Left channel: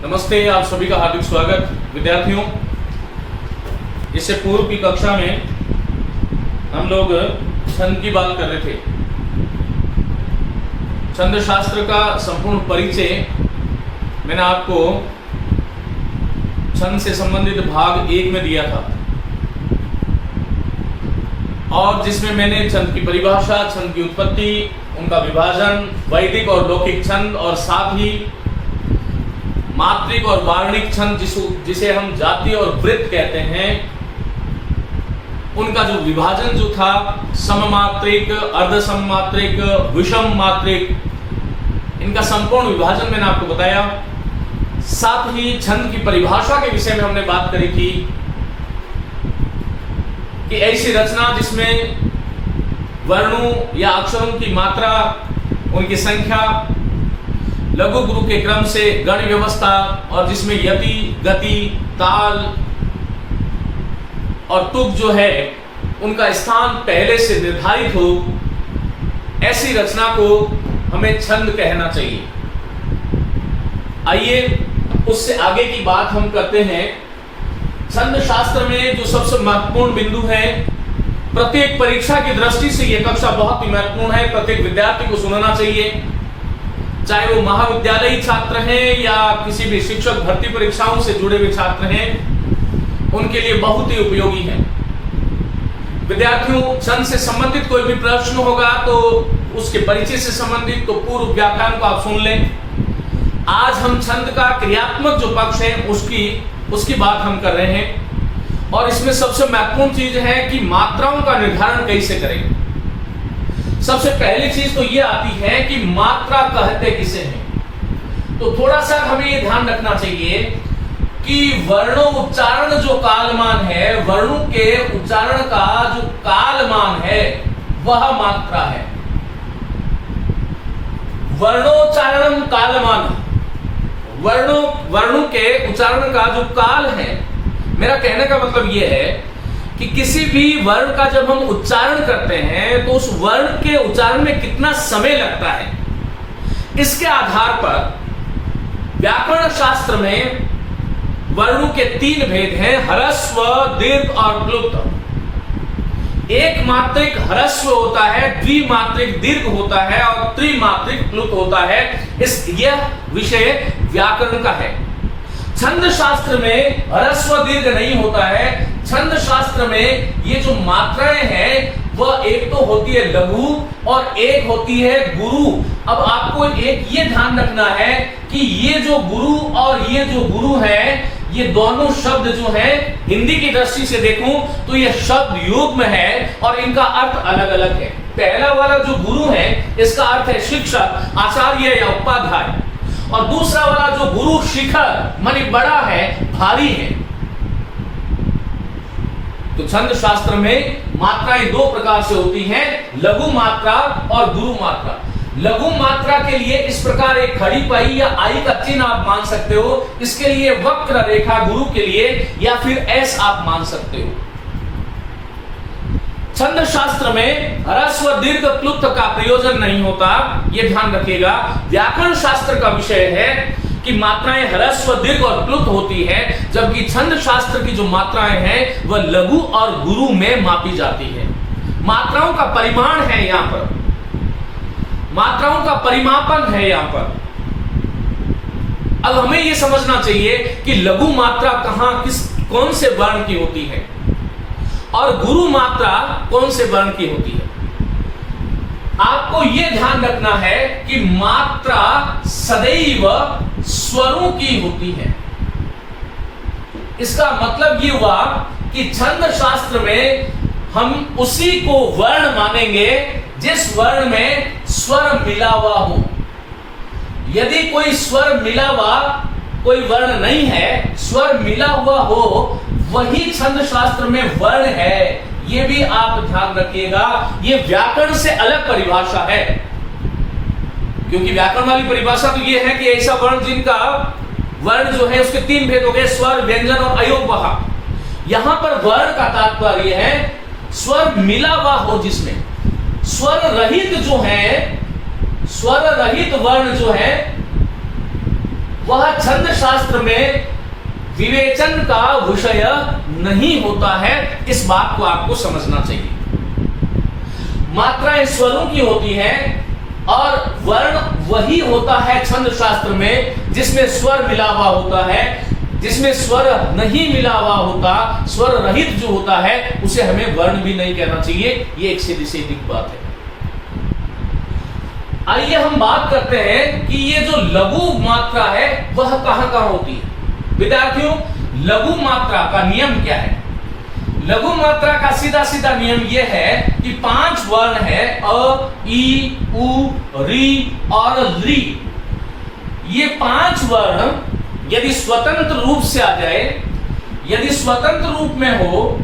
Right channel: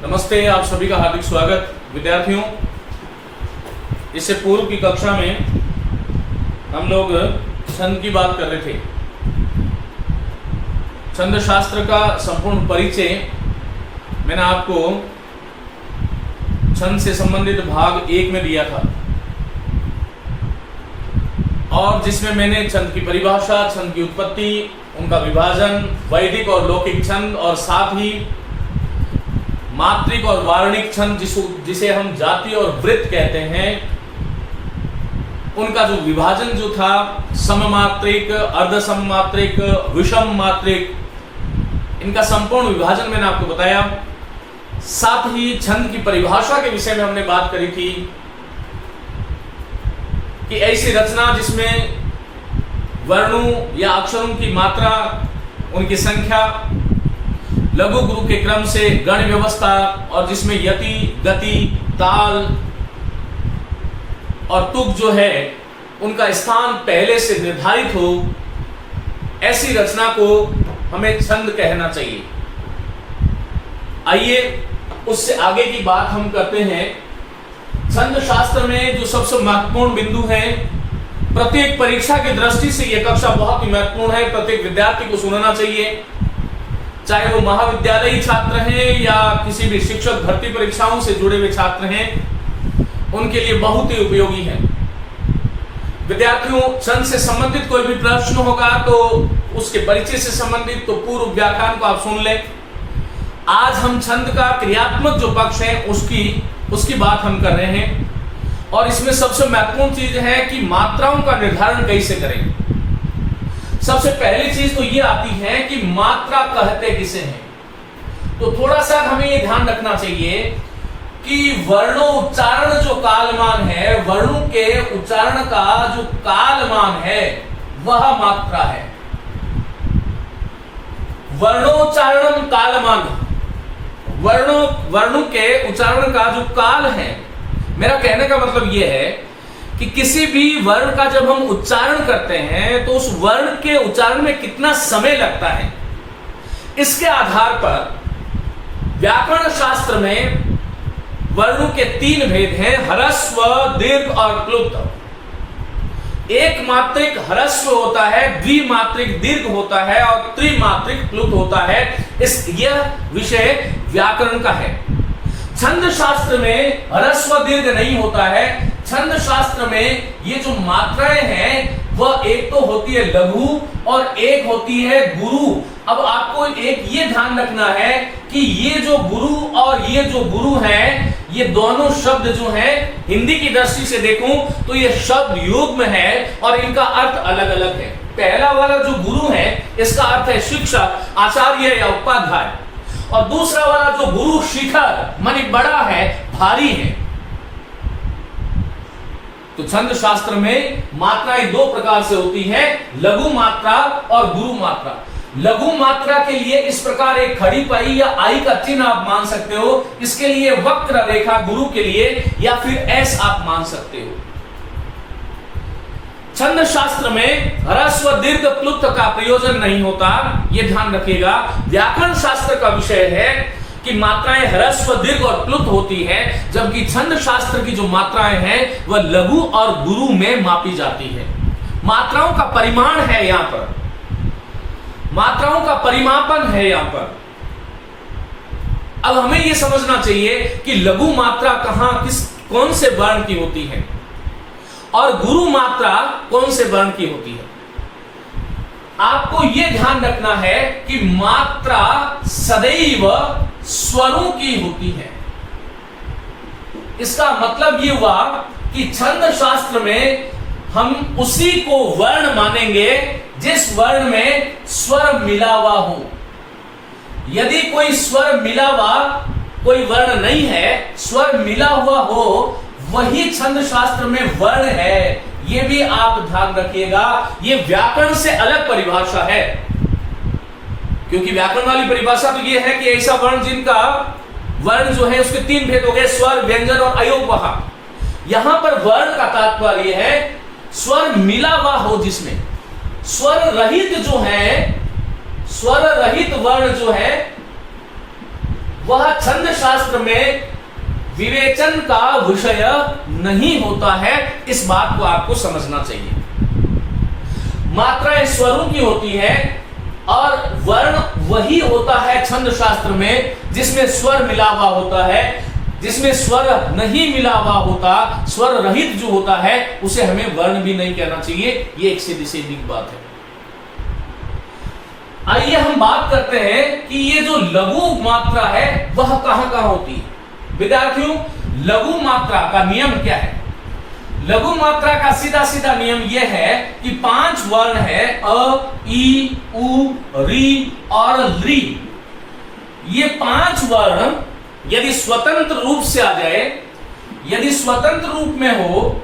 नमस्ते, आप सभी का हार्दिक स्वागत। विद्यार्थियों, इससे पूर्व की कक्षा में हम लोग छंद की बात कर रहे थे। छंद शास्त्र का संपूर्ण परिचय मैंने आपको छंद से संबंधित भाग 1 में दिया था, और जिसमें मैंने छंद की परिभाषा, छंद की उत्पत्ति, उनका विभाजन, वैदिक और लौकिक छंद, और साथ ही मात्रिक और वार्णिक छंद जिसे हम जाति और वृत्त कहते हैं, उनका जो विभाजन जो था, सममात्रिक, अर्ध सममात्रिक, विषम मात्रिक, इनका संपूर्ण विभाजन मैंने आपको बताया। साथ ही छंद की परिभाषा के विषय में हमने बात करी थी कि ऐसी रचना जिसमें वर्णों या अक्षरों की मात्रा, उनकी संख्या लघु गुरु के क्रम से गण व्यवस्था, और जिसमें यति, गति, ताल और तुक जो है उनका स्थान पहले से निर्धारित हो, ऐसी रचना को हमें छंद कहना चाहिए। आइए उससे आगे की बात हम करते हैं। छंद शास्त्र में जो सबसे महत्वपूर्ण बिंदु है, प्रत्येक परीक्षा की दृष्टि से यह कक्षा बहुत ही महत्वपूर्ण है, प्रत्येक विद्यार्थी को सुनना चाहिए, चाहे वो महाविद्यालयी छात्र हैं या किसी भी शिक्षक भर्ती परीक्षाओं से जुड़े हुए छात्र हैं, उनके लिए बहुत ही उपयोगी है। विद्यार्थियों, छंद से संबंधित कोई भी प्रश्न होगा तो उसके परिचय से संबंधित तो पूर्व व्याख्यान को आप सुन लें। आज हम छंद का क्रियात्मक जो पक्ष है उसकी बात हम कर रहे हैं, और इसमें सबसे महत्वपूर्ण चीज है कि मात्राओं का निर्धारण कैसे करें। सबसे पहली चीज तो ये आती है कि मात्रा कहते किसे हैं। तो थोड़ा सा हमें ये ध्यान रखना चाहिए कि वर्णोच्चारण जो कालमान है, वर्णों के उच्चारण का जो कालमान है वह मात्रा है। वर्णोच्चारण कालमान, वर्णों के उच्चारण का जो काल है, मेरा कहने का मतलब यह है कि किसी भी वर्ण का जब हम उच्चारण करते हैं तो उस वर्ण के उच्चारण में कितना समय लगता है, इसके आधार पर व्याकरण शास्त्र में वर्णों के 3 भेद हैं, ह्रस्व, दीर्घ और क्लुप्त। एक मात्रिक ह्रस्व होता है, द्विमात्रिक दीर्घ होता है और त्रिमात्रिक क्लुप्त होता है। यह विषय व्याकरण का है। छंद शास्त्र में ह्रस्व दीर्घ नहीं होता है। छंद शास्त्र में ये जो मात्राएं हैं वह एक तो होती है लघु और एक होती है गुरु। अब आपको एक ये ध्यान रखना है कि ये जो गुरु और ये जो गुरु है, ये दोनों शब्द जो हैं, हिंदी की दृष्टि से देखूं तो ये शब्द युग्म है और इनका अर्थ अलग अलग है। पहला वाला जो गुरु है इसका अर्थ है शिक्षक, आचार्य या उपाध्याय, और दूसरा वाला जो गुरु शिखर मानी बड़ा है, भारी है। तो छंद शास्त्र में मात्राएं 2 प्रकार से होती हैं, लघु मात्रा और गुरु मात्रा। लघु मात्रा के लिए इस प्रकार एक खड़ी पाई या आई का चिन्ह आप मान सकते हो, इसके लिए वक्र रेखा गुरु के लिए, या फिर एस आप मान सकते हो। छंद शास्त्र में ह्रस्व दीर्घ क्लुप्त का प्रयोजन नहीं होता, यह ध्यान रखिएगा। व्याकरण शास्त्र का विषय है कि मात्राएं ह्रस्व दीर्घ और क्लुप्त होती है, जबकि छंद शास्त्र की जो मात्राएं हैं वह लघु और गुरु में मापी जाती है। मात्राओं का परिमाण है यहां पर, मात्राओं का परिमापन है यहां पर। अब हमें यह समझना चाहिए कि लघु मात्रा कौन से वर्ण की होती है और गुरु मात्रा कौन से वर्ण की होती है। आपको यह ध्यान रखना है कि मात्रा सदैव स्वरों की होती है। इसका मतलब यह हुआ कि छंद शास्त्र में हम उसी को वर्ण मानेंगे जिस वर्ण में स्वर मिला हुआ हो। यदि कोई स्वर मिला हुआ कोई वर्ण नहीं है, स्वर मिला हुआ हो, वही छंद शास्त्र में वर्ण है। यह भी आप ध्यान रखिएगा। यह व्याकरण से अलग परिभाषा है, क्योंकि व्याकरण वाली परिभाषा तो यह है कि ऐसा वर्ण जिनका वर्ण जो है उसके 3 भेद हो गए, स्वर, व्यंजन और अयोगवाह। यहां पर वर्ण का तात्पर्य है स्वर मिला हुआ हो, जिसमें स्वर रहित जो है, स्वर रहित वर्ण जो है वह छंद शास्त्र में विवेचन का विषय नहीं होता है। इस बात को आपको समझना चाहिए। मात्राएं स्वरों की होती हैं और वर्ण वही होता है छंद शास्त्र में जिसमें स्वर मिला हुआ होता है। जिसमें स्वर नहीं मिला हुआ होता, स्वर रहित जो होता है, उसे हमें वर्ण भी नहीं कहना चाहिए। ये एक सीधी सीधी बात है। आइए हम बात करते हैं कि ये जो लघु मात्रा है वह कहां कहां होती है। विद्यार्थियों, लघु मात्रा का नियम क्या है? लघु मात्रा का सीधा सीधा नियम यह है कि 5 वर्ण है, अ, ई, उ, री और ली। ये 5 वर्ण यदि स्वतंत्र रूप से आ जाए, यदि स्वतंत्र रूप में हो,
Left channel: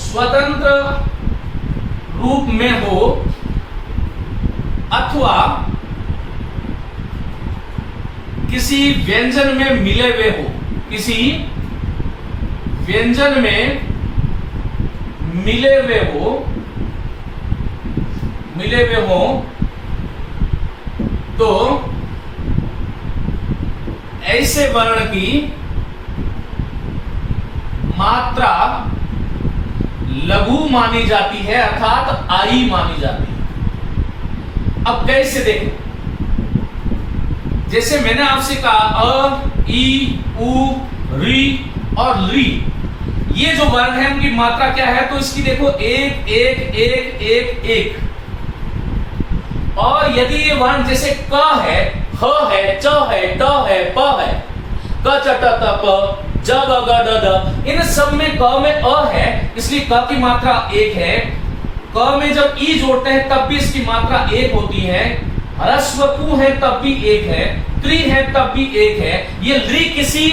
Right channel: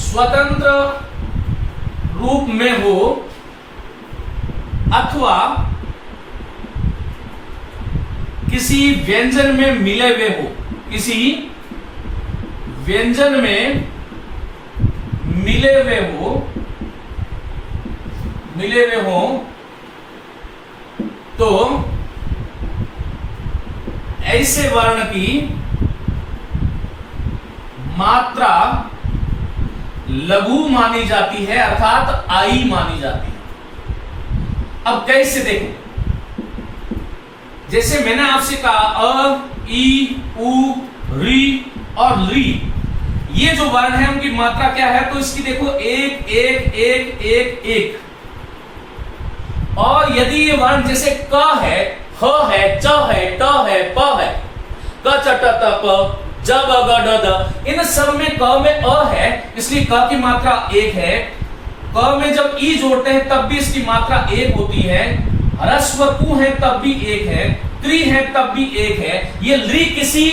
स्वतंत्र रूप में हो अथवा किसी व्यंजन में मिले हुए हो, किसी व्यंजन में मिले हुए हो तो ऐसे वर्ण की मात्रा लघु मानी जाती है, अर्थात आई मानी जाती है। अब कैसे देखो, जैसे मैंने आपसे कहा अ, ई, उ, री और ली, ये जो वर्ण है उनकी मात्रा क्या है? तो इसकी देखो 1 1 1 1 1। और यदि ये वर्ण जैसे क है, ह है, च है, ट है, प है, क च ट त प, ज ब ग ड द, इन सब में क में अ है, इसलिए क की मात्रा 1 है। क में जब ई जोड़ते हैं तब भी इसकी मात्रा 1 होती है। ह्रस्व कु है तब भी 1 है, क्री है तब भी 1 है। ये ली किसी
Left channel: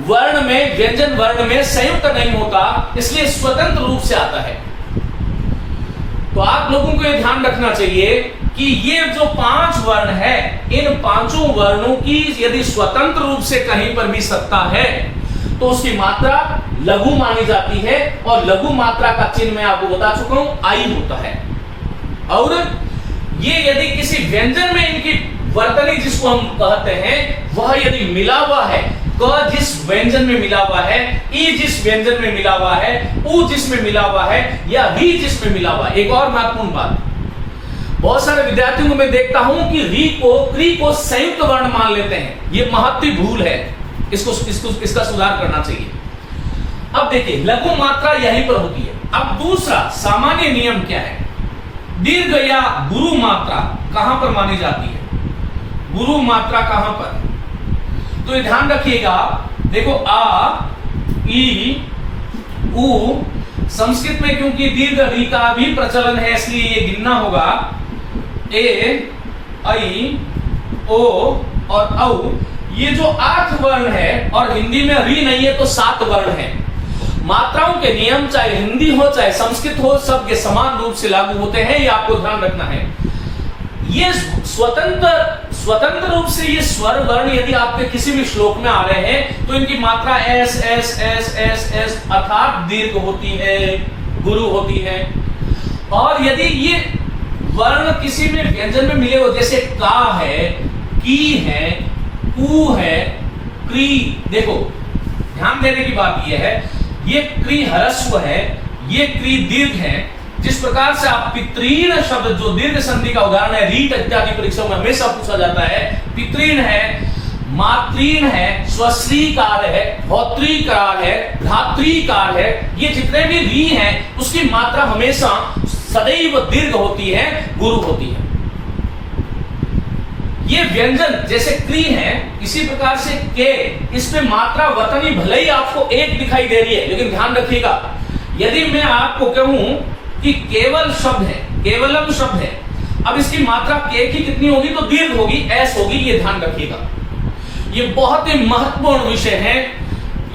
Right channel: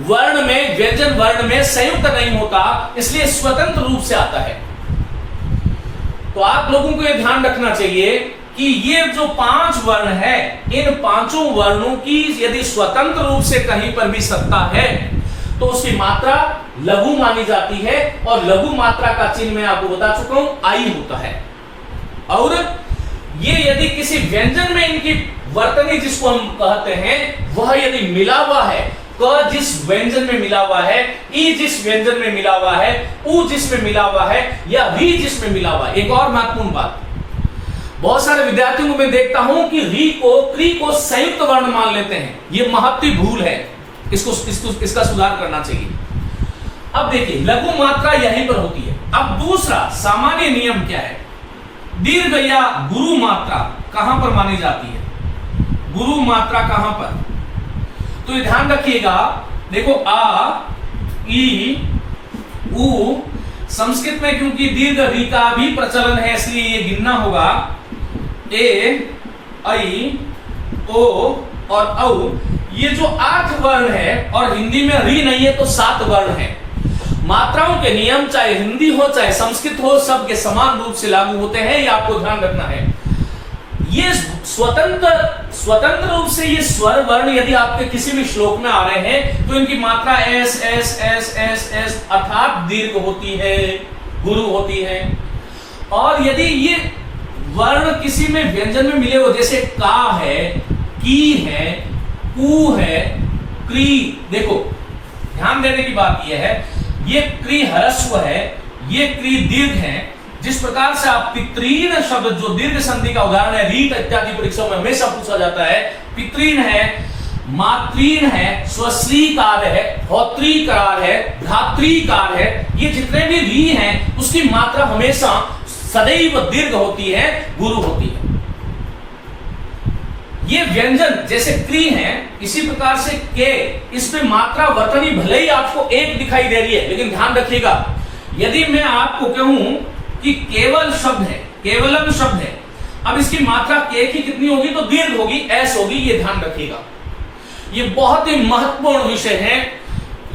वर्ण में, व्यंजन वर्ण में संयुक्त नहीं होता, इसलिए स्वतंत्र रूप से आता है। तो आप लोगों को यह ध्यान रखना चाहिए कि ये जो 5 वर्ण है, इन 5 वर्णों की यदि स्वतंत्र रूप से कहीं पर भी सत्ता है तो उसकी मात्रा लघु मानी जाती है। और लघु मात्रा का चिन्ह मैं आपको बता चुका हूं, आई होता है। और ये यदि किसी व्यंजन में इनकी वर्तनी जिसको हम कहते हैं वह यदि मिला हुआ है, क जिस व्यंजन में मिला हुआ है, ई जिस व्यंजन में मिला हुआ है, उ जिसमें मिला हुआ है, या री जिसमें मिला हुआ है। एक और महत्वपूर्ण बात, बहुत सारे विद्यार्थियों को मैं देखता हूं कि री को, क्री को संयुक्त वर्ण मान लेते हैं। यह महत्वपूर्ण भूल है, इसका सुधार करना चाहिए। अब देखिए, लघु मात्रा यहीं पर होती है। अब दूसरा सामान्य नियम क्या है? दीर्घ या गुरु मात्रा कहां पर मानी जाती है? गुरु मात्रा कहां पर? तो ये ध्यान रखिएगा। देखो आ, ई, उ, संस्कृत में क्योंकि दीर्घ री का भी प्रचलन है इसलिए ये गिनना होगा। ए, आई, ओ और औ, ये जो 8 वर्ण है और हिंदी में री नहीं है तो 7 वर्ण है। मात्राओं के नियम चाहे हिंदी हो चाहे संस्कृत हो, सबके समान रूप से लागू होते हैं, ये आपको ध्यान रखना है। ये स्वतंत्र रूप से ये स्वर वर्ण यदि आपके किसी भी श्लोक में आ रहे हैं तो इनकी मात्रा S S S S S अर्थात दीर्घ होती है, गुरु होती है। और यदि ये वर्ण किसी में व्यंजन में मिले हो, जैसे का है, की है, कु है, क्री, देखो ध्यान देने की बात यह है, ये क्री ह्रस्व है, ये क्री दीर्घ है। जिस प्रकार से आप पितृन शब्द जो दीर्घ संधि का उदाहरण है, रीट इत्यादि परीक्षाओं में हमेशा पूछा जाता है, पितृन है, मातृन है, स्वश्रीकार है, भौत्रीकार है, धात्रीकार है, ये जितने भी री हैं उसकी मात्रा हमेशा सदैव दीर्घ होती है, गुरु होती है। ये व्यंजन जैसे क्री है, इसी प्रकार से के, इसमें मात्रा वर्तनी भले ही आपको 1 दिखाई दे रही है, लेकिन ध्यान रखिएगा यदि मैं आपको कहूं कि केवल शब्द है, केवलम शब्द है, अब इसकी मात्रा के की कितनी होगी? तो दीर्घ होगी, एस होगी, ये ध्यान रखिएगा। ये बहुत ही महत्वपूर्ण विषय है।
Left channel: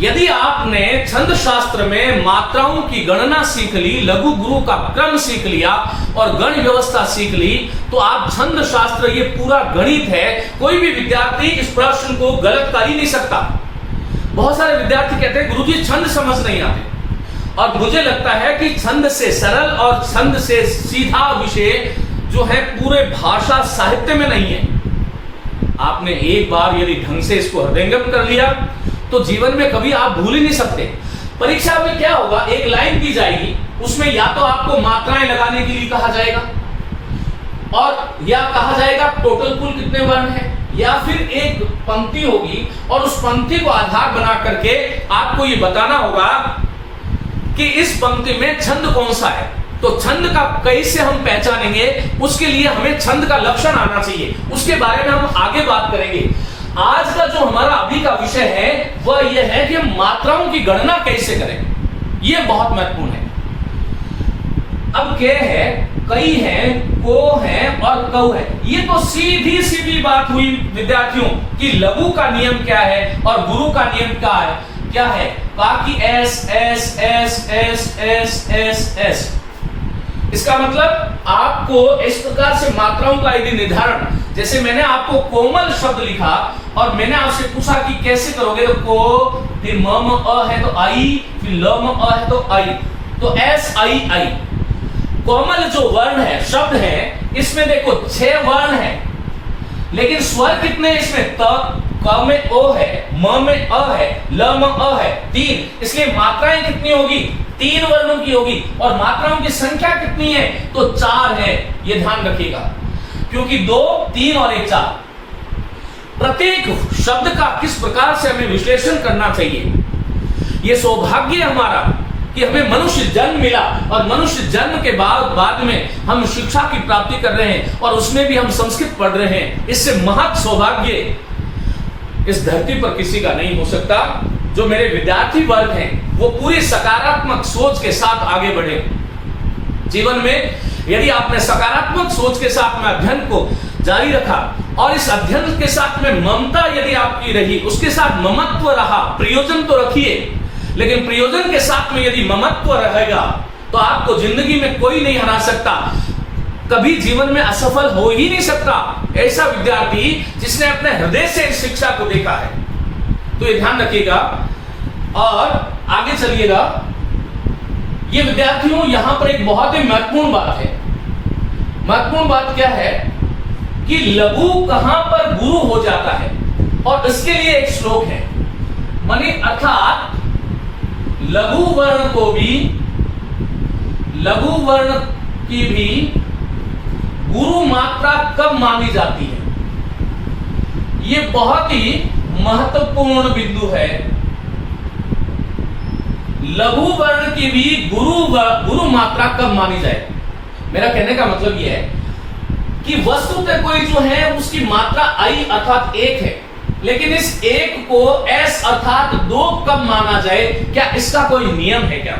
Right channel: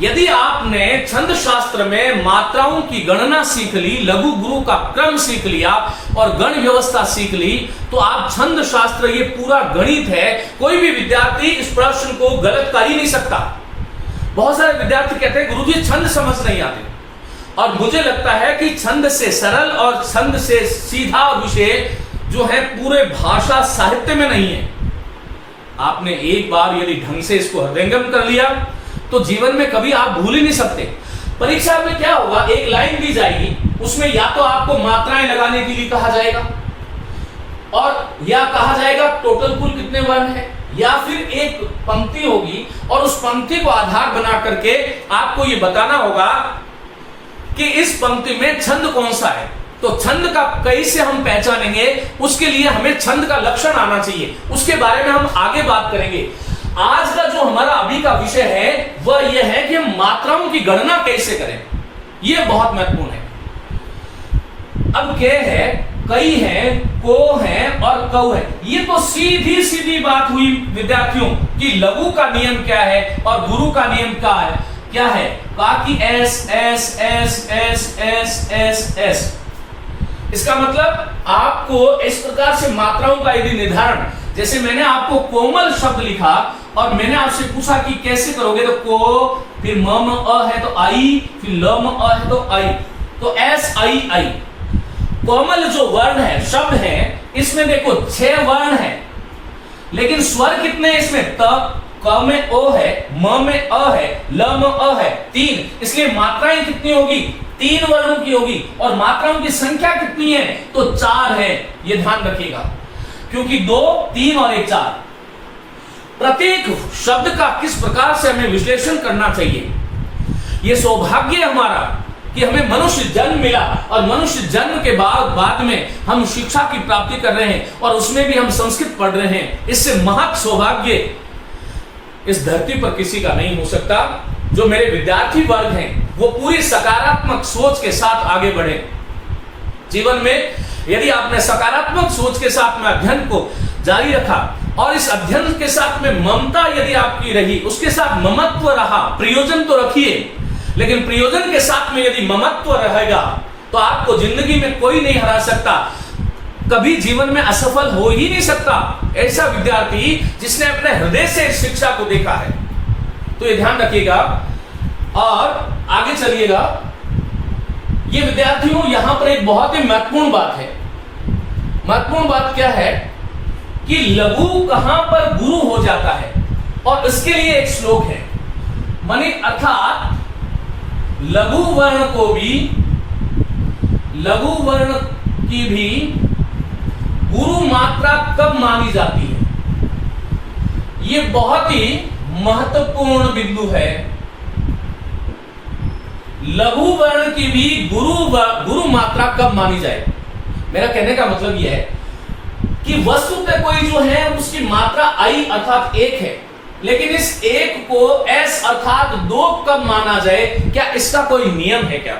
यदि आपने छंद शास्त्र में मात्राओं की गणना सीख ली, लघु गुरु का क्रम सीख लिया और गण व्यवस्था सीख ली, तो आप छंद शास्त्र, ये पूरा गणित है, कोई भी विद्यार्थी इस प्रश्न को गलत कर ही नहीं सकता। बहुत सारे विद्यार्थी कहते हैं गुरुजी छंद समझ नहीं आते, और मुझे लगता है कि छंद से सरल और छंद से सीधा विषय जो है पूरे भाषा साहित्य में नहीं है। आपने एक बार यदि ढंग से इसको हृदयंगम कर लिया तो जीवन में कभी आप भूल ही नहीं सकते। परीक्षा में क्या होगा, एक लाइन दी जाएगी, उसमें या तो आपको मात्राएं लगाने के लिए कहा जाएगा और या कहा जाएगा टोटल कुल कितने वर्ण है, या फिर एक पंक्ति होगी और उस पंक्ति को आधार बना करके आपको ये बताना होगा कि इस पंक्ति में छंद कौन सा है। तो छंद का कैसे हम पहचानेंगे, उसके लिए हमें छंद का लक्षण आना चाहिए, उसके बारे में हम आगे बात करेंगे। आज का जो हमारा अभी का विषय है वह यह है कि हम मात्राओं की गणना कैसे करें, यह बहुत महत्वपूर्ण है। अब के है, कई है, को है और कऊ है, ये तो सीधी सीधी बात हुई विद्यार्थियों कि लघु का नियम क्या है और गुरु का नियम क्या है बाकी S S S S S S S. इसका मतलब आपको इस प्रकार से मात्राओं का यदि निर्धारण, जैसे मैंने आपको कोमल शब्द लिखा और मैंने आपसे पूछा कि कैसे करोगे, तो को, फिर म अ है तो आई, फिर ल म अ है तो आई, तो एस आई आई। कोमल जो वर्ण है, शब्द है, इसमें देखो 6 वर्ण है, लेकिन स्वर कितने हैं इसमें, त, क में ओ है, म में अ है, ल में अ है, 3, इसलिए मात्राएं कितनी होगी, 3 वर्णों की होगी। और मात्राओं की संख्या कितनी है, तो 4 है, ये ध्यान रखिएगा, क्योंकि 2, 3 और 1 4। प्रत्येक शब्द का किस प्रकार से हमें विश्लेषण करना चाहिए, ये सौभाग्य हमारा कि हमें मनुष्य जन्म मिला और मनुष्य जन्म के बाद में हम शिक्षा की प्राप्ति कर रहे हैं और उसमें भी हम संस्कृत पढ़ रहे हैं। इससे महत् सौभाग्य इस धरती पर किसी का नहीं हो सकता। जो मेरे विद्यार्थी वर्ग हैं वो पूरी सकारात्मक सोच के साथ आगे बढ़े जीवन में। यदि आपने सकारात्मक सोच के साथ में अध्ययन को जारी रखा और इस अध्ययन के साथ में ममता यदि आपकी रही, उसके साथ ममत्व रहा, प्रयोजन तो रखिए, लेकिन प्रयोजन के साथ में यदि ममत्व रहेगा तो आपको जिंदगी में कोई नहीं हरा सकता, कभी जीवन में असफल हो ही नहीं सकता ऐसा विद्यार्थी जिसने अपने हृदय से इस शिक्षा को देखा है। तो ये ध्यान रखिएगा और आगे चलिएगा। ये विद्यार्थियों यहां पर एक बहुत ही महत्वपूर्ण बात है। महत्वपूर्ण बात क्या है कि लघु कहां पर गुरु हो जाता है, और इसके लिए एक श्लोक है, माने अर्थात लघु वर्ण को भी, लघु वर्ण की भी गुरु मात्रा कब मानी जाती है, ये बहुत ही महत्वपूर्ण बिंदु है। लघु वर्ण की भी गुरु मात्रा कब मानी जाए। मेरा कहने का मतलब यह है कि वस्तुतः कोई जो है उसकी मात्रा आई अर्थात 1 है, लेकिन इस 1 को एस अर्थात 2 कब माना जाए, क्या इसका कोई नियम है क्या।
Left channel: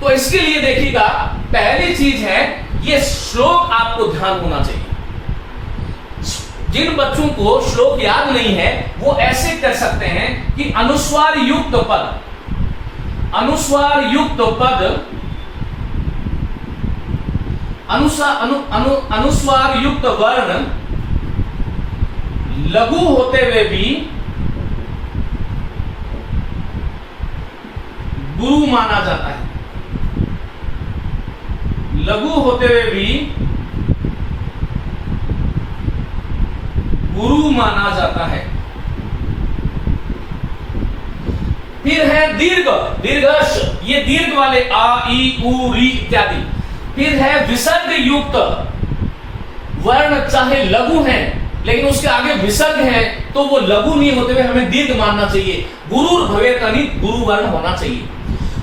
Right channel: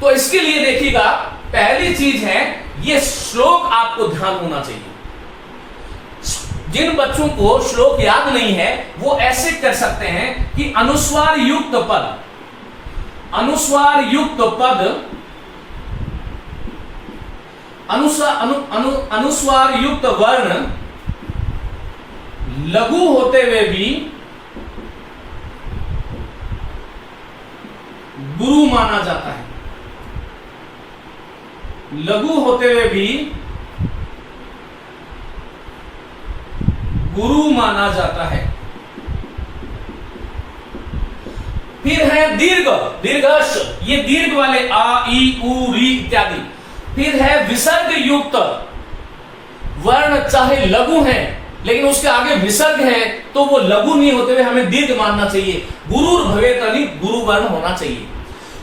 तो इसके लिए देखिएगा, पहली चीज है ये श्लोक आपको ध्यान होना चाहिए। जिन बच्चों को श्लोक याद नहीं है वो ऐसे कर सकते हैं कि अनुस्वार युक्त पद, अनुस्वार युक्त पद, अनुस्वार युक्त वर्ण लघु होते हुए भी गुरु माना जाता है, लघु होते हुए भी गुरु माना जाता है। फिर है दीर्घ, दीर्घश, ये दीर्घ वाले आ ई उ री इत्यादि। फिर है विसर्ग युक्त वर्ण, चाहे लघु है लेकिन उसके आगे विसर्ग है तो वो लघु नहीं होते हुए हमें दीर्घ मानना चाहिए। गुरुर भवेत् यानी गुरु वर्ण होना चाहिए।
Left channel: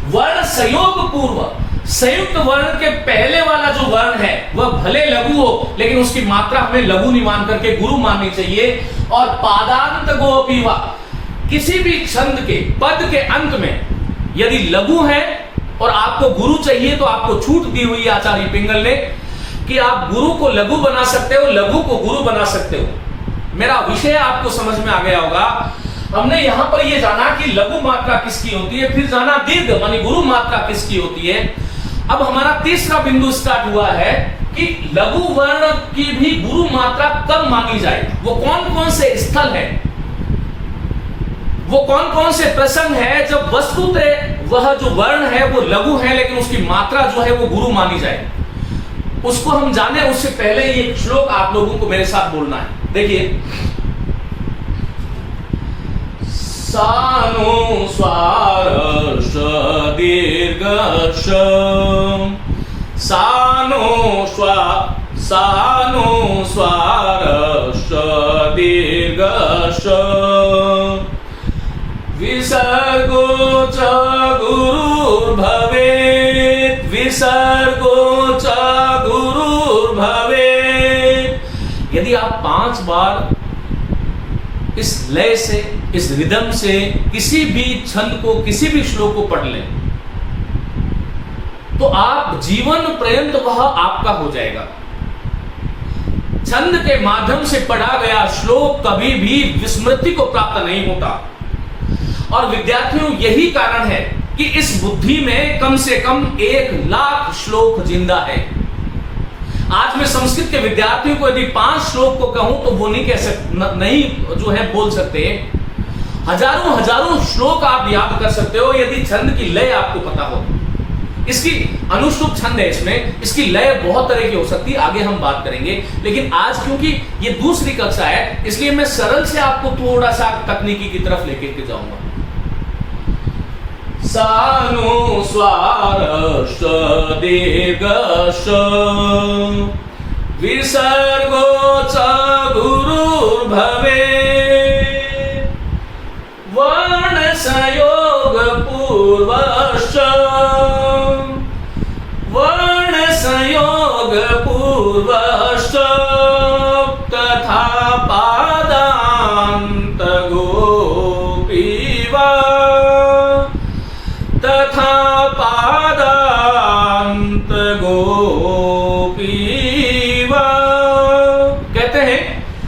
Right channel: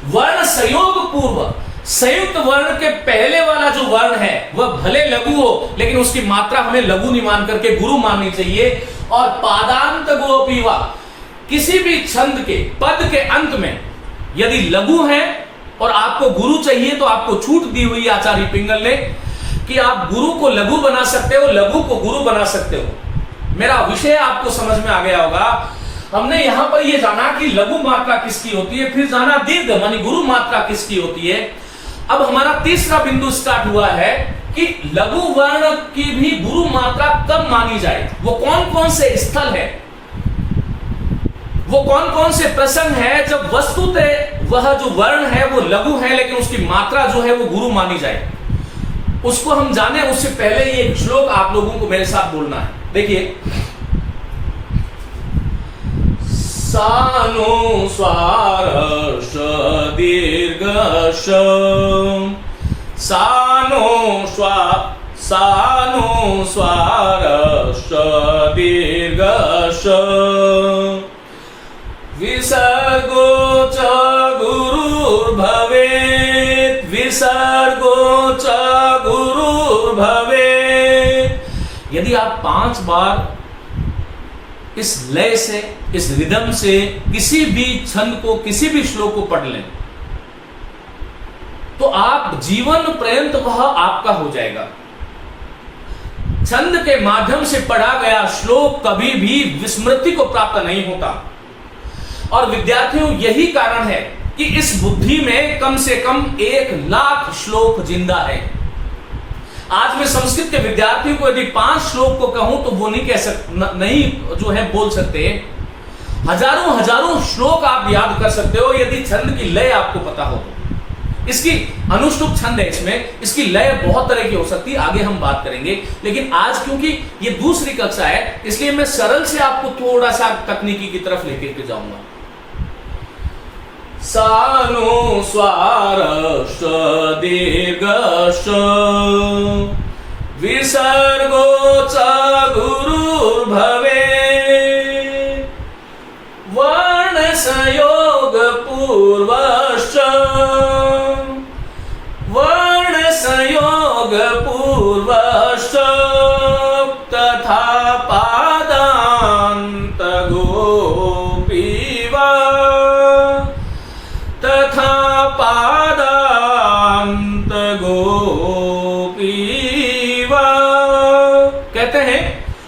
वर्ण संयोग पूर्व, संयुक्त वर्ण के पहले वाला जो वर्ण है वह भले लघु हो लेकिन उसकी मात्रा हमें लघु नहीं मान करके गुरु माननी चाहिए। और पादांत गोपीवा, किसी भी छंद के पद के अंत में यदि लघु है और आपको गुरु चाहिए तो आपको छूट दी हुई आचार्य पिंगल ने कि आप गुरु को लघु बना सकते हो, लघु को गुरु बना सकते हो। मेरा विषय आपको समझ में आ गया होगा। हमने यहां पर यह जाना कि लघु मात्रा किसकी होती है, फिर जाना दीर्घ मानी गुरु मात्रा किसकी होती है। अब हमारा तीसरा बिंदु स्टार्ट हुआ है कि लघु वर्ण की भी गुरु मात्रा कब मानी जाए। वो कौन कौन से स्थल है, वो कौन कौन से प्रसंग है जब वस्तुतः वह जो वर्ण है वो लघु है लेकिन उसकी मात्रा जो है वो गुरु मानी जाए, उसको हम जाने। उससे पहले ये श्लोक आप लोगों को मेरे साथ बोलना है। देखिए, सानुस्वार दीर्घ सानुस्वार दीर्घ विसर्गो च गुरुर्भवेत्, विसर्गो च गुरुर्भवेत्। यदि आप 5 बार इस लय से, इस रिदम से किसी भी छंद को, किसी भी श्लोक को पढ़ लें तो आप जीवन पर्यंत वह आपका हो जाएगा। छंद के माध्यम से पढ़ा गया श्लोक कभी भी विस्मृति को प्राप्त नहीं होता। और विद्यार्थियों, यही कारण है कि इस बुद्धि में कम से कम 1,00,000 श्लोक जिंदा है। आज मैं संस्कृत के विद्यार्थियों को यदि 5 श्लोक को कहूं तो वो नहीं कह सकते, नहीं जो है बोल सकते। हजारों श्लोक आप याद कर सकते हो यदि छंद की लय आपको पता हो। इसकी अनुष्टुप छंद है, इसमें इसकी लय बहुत तरह की हो सकती है, आगे हम बात करेंगे। लेकिन आज क्योंकि ये दूसरी कक्षा है, इसलिए मैं सरल से आपको थोड़ा सा तकनीकी की तरफ लेकर के जाऊंगा। सानुस्वार दीर्घ विसर्गो च गुरुर्भवेत्, वर्ण संयोग पूर्वश्च, वर्ण संयोग पूर्वश्च तथा पादान्त गोपीवा, तथा पादान्त गोपीवा। कहते हैं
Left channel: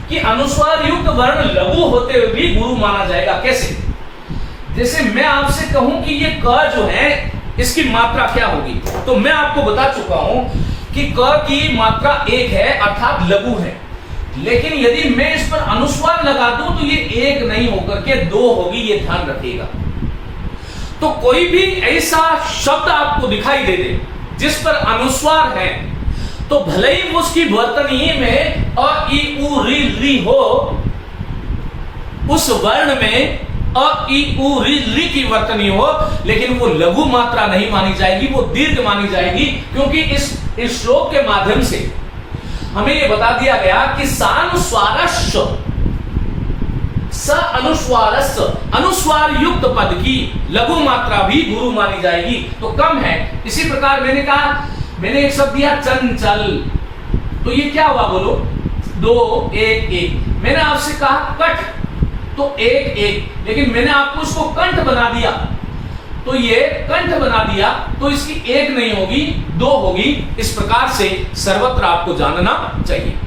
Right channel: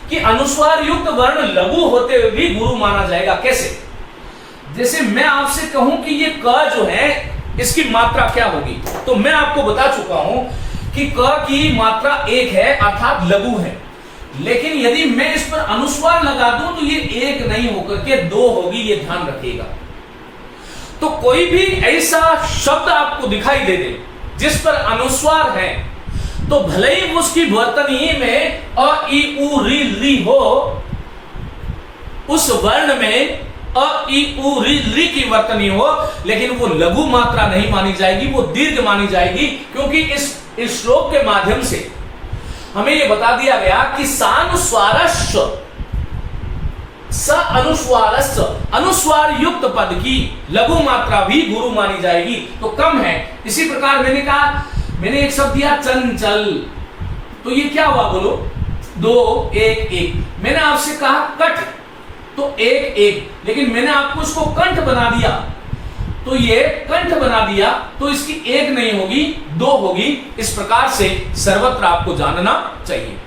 कि अनुस्वार युक्त वर्ण लघु होते हुए भी गुरु माना जाएगा। कैसे? जैसे मैं आपसे कहूं कि ये क जो है इसकी मात्रा क्या होगी, तो मैं आपको बता चुका हूं कि क की मात्रा 1 है अर्थात लघु है। लेकिन यदि मैं इस पर अनुस्वार लगा दूं तो ये 1 नहीं होकर के 2 होगी, ये ध्यान रखिएगा। तो कोई भी ऐसा शब्द आपको दिखाई दे दे जिस पर अनुस्वार है, तो भले ही उसकी वर्तनीय में अ इ उ री हो, उस वर्ण में अ इ उ री की वर्तनी हो, लेकिन वो लघु मात्रा नहीं मानी जाएगी, वो दीर्घ मानी जाएगी। क्योंकि इस श्लोक के माध्यम से हमें यह बता दिया गया कि सानुस्वारस्य स अनुस्वारस्य, अनुस्वार युक्त पद की लघु मात्रा भी गुरु मानी जाएगी, तो कम है। इसी प्रकार मैंने कहा, मैंने एक शब्द दिया चंचल, तो ये क्या हुआ बोलो? 2 1 1। मैंने आपसे कहा कठ, तो 1 1, लेकिन मैंने आपको इसको कंठ बना दिया, तो ये कंठ बना दिया, तो इसकी 1 नहीं होगी 2 होगी। इस प्रकार से सर्वत्र आपको जानना चाहिए।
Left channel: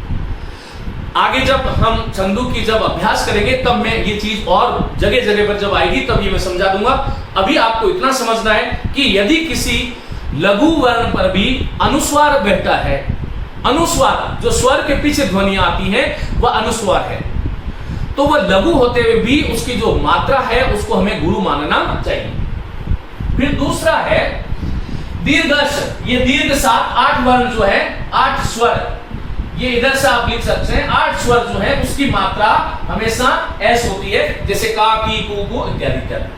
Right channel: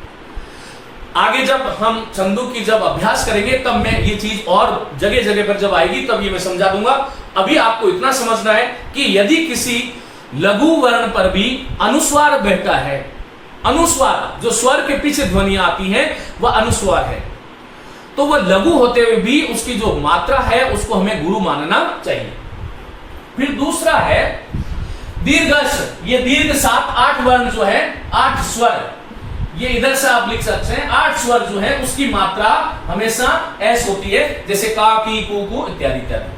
आगे जब हम छंदों की जब अभ्यास करेंगे तब मैं ये चीज और जगह जगह पर जब आएगी तब ये मैं समझा दूंगा। अभी आपको इतना समझना है कि यदि किसी लघु वर्ण पर भी अनुस्वार बैठता है, अनुस्वार जो स्वर के पीछे ध्वनि आती है वह अनुस्वार है, तो वह लघु होते हुए भी उसकी जो मात्रा है उसको हमें गुरु मानना चाहिए। फिर दूसरा है दीर्घश। ये दीर्घ 7 8 वर्ण जो है, 8 स्वर, ये इधर से आप लिख सकते हैं। 8 स्वर जो है उसकी मात्रा हमेशा एस होती है, जैसे का की कु इत्यादि इत्यादि।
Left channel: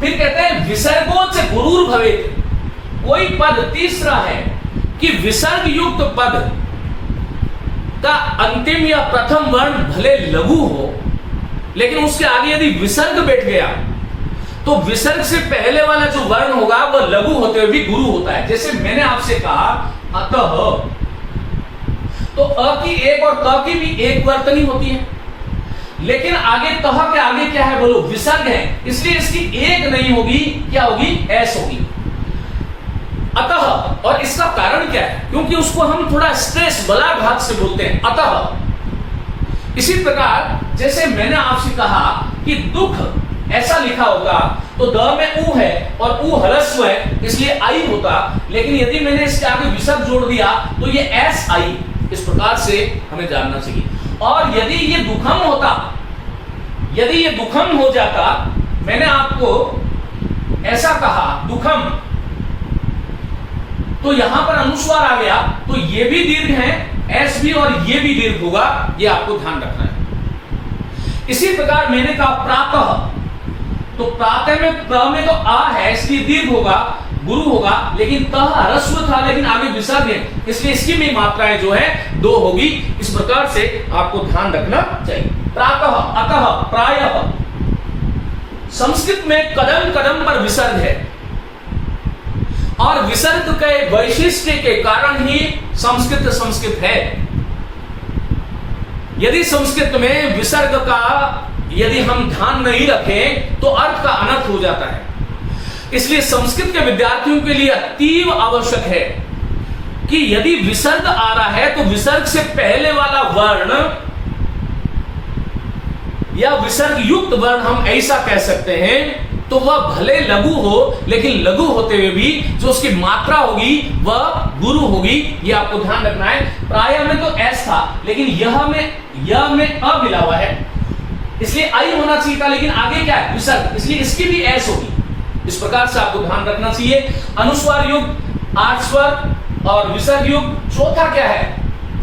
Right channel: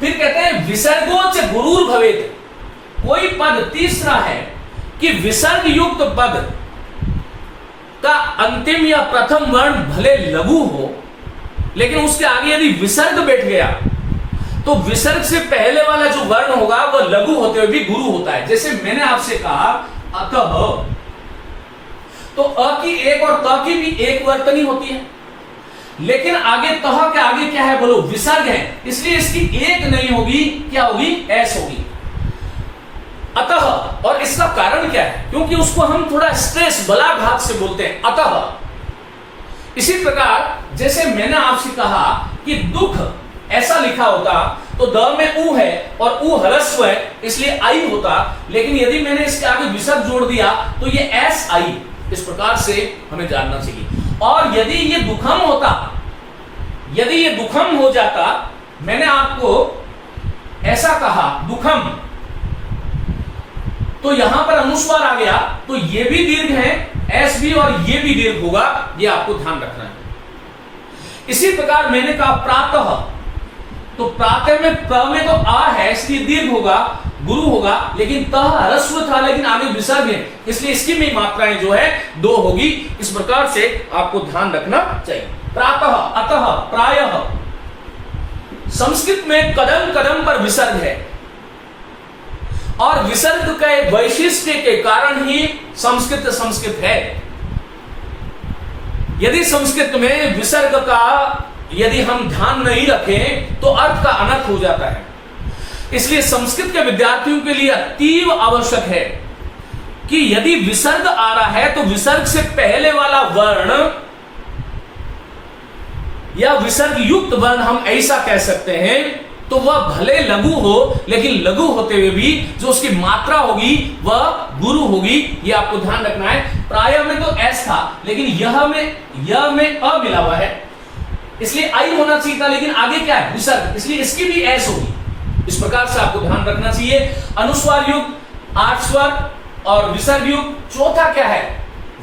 फिर कहते हैं विसर्गोच गुरुर भवेत। कोई पद तीसरा है कि विसर्ग युक्त पद का अंतिम या प्रथम वर्ण भले लघु हो, लेकिन उसके आगे यदि विसर्ग बैठ गया तो विसर्ग से पहले वाला जो वर्ण होगा वह लघु होते हुए भी गुरु होता है। जैसे मैंने आपसे कहा अतः, तो अ की 1 और त की भी 1 वर्तनी होती है, लेकिन आगे तह के आगे क्या है बोलो? विसर्ग है, इसलिए इसकी 1 नहीं होगी, क्या होगी? एस होगी। अतः, और इसका कारण क्या है? क्योंकि उसको हम थोड़ा स्ट्रेस बलाघात से बोलते हैं अतः। इसी प्रकार जैसे मैंने आपसे कहा कि दुख ऐसा लिखा होता तो द में उ है और उ हलस्व है, इसलिए आई होता, लेकिन यदि मैंने इसके आगे विसर्ग जोड़ दिया तो ये एस आई। इस प्रकार से हमें जानना चाहिए। और यदि ये दुखम होता, यदि ये दुखम हो जाता, मैंने आपको ऐसा कहा दुखम, तो यहां पर अनुस्वार आ गया, तो ये भी दीर्घ है, एस भी, और ये भी दीर्घ होगा, ये आपको ध्यान रखना है। इसी प्रकार मैंने कहा प्रातः, तो प्रातः में प्र में तो आ है इसलिए दीर्घ होगा, गुरु होगा, लेकिन तह ह्रस्व था लेकिन आगे विसर्ग है, इसलिए इसकी भी मात्राएं जो है 2 होगी। इस प्रकार से आपको ध्यान रखना चाहिए। प्रातः, अतः, प्रायः। संस्कृत में कदम कदम पर विसर्ग है और विसर्ग के वैशिष्ट्य के कारण ही संस्कृत है। यदि संस्कृत में विसर्ग का यदि हम ध्यान नहीं रखें तो अर्थ का अनर्थ हो जाता है। इसलिए संस्कृत के विद्यार्थियों के लिए अतीव आवश्यक है कि यदि विसर्ग आ रहा है तो विसर्ग से पहले वाला वर्ण या विसर्ग युक्त वर्ण हम ऐसा कह सकते हैं, तो वह भले लघु हो लेकिन लघु होते हुए भी जो उसकी मात्रा होगी वह गुरु होगी। यह आपको ध्यान रखना है। प्राय में तो एस था लेकिन यह में अ मिला हुआ है, इसलिए आई होना चाहिए था, लेकिन आगे क्या है विसर्ग, इसलिए इसकी भी एस होगी। इस प्रकार से आपको ध्यान रखना चाहिए। अनुस्वार युग, आठ स्वर और विसर्ग युग। चौथा क्या है,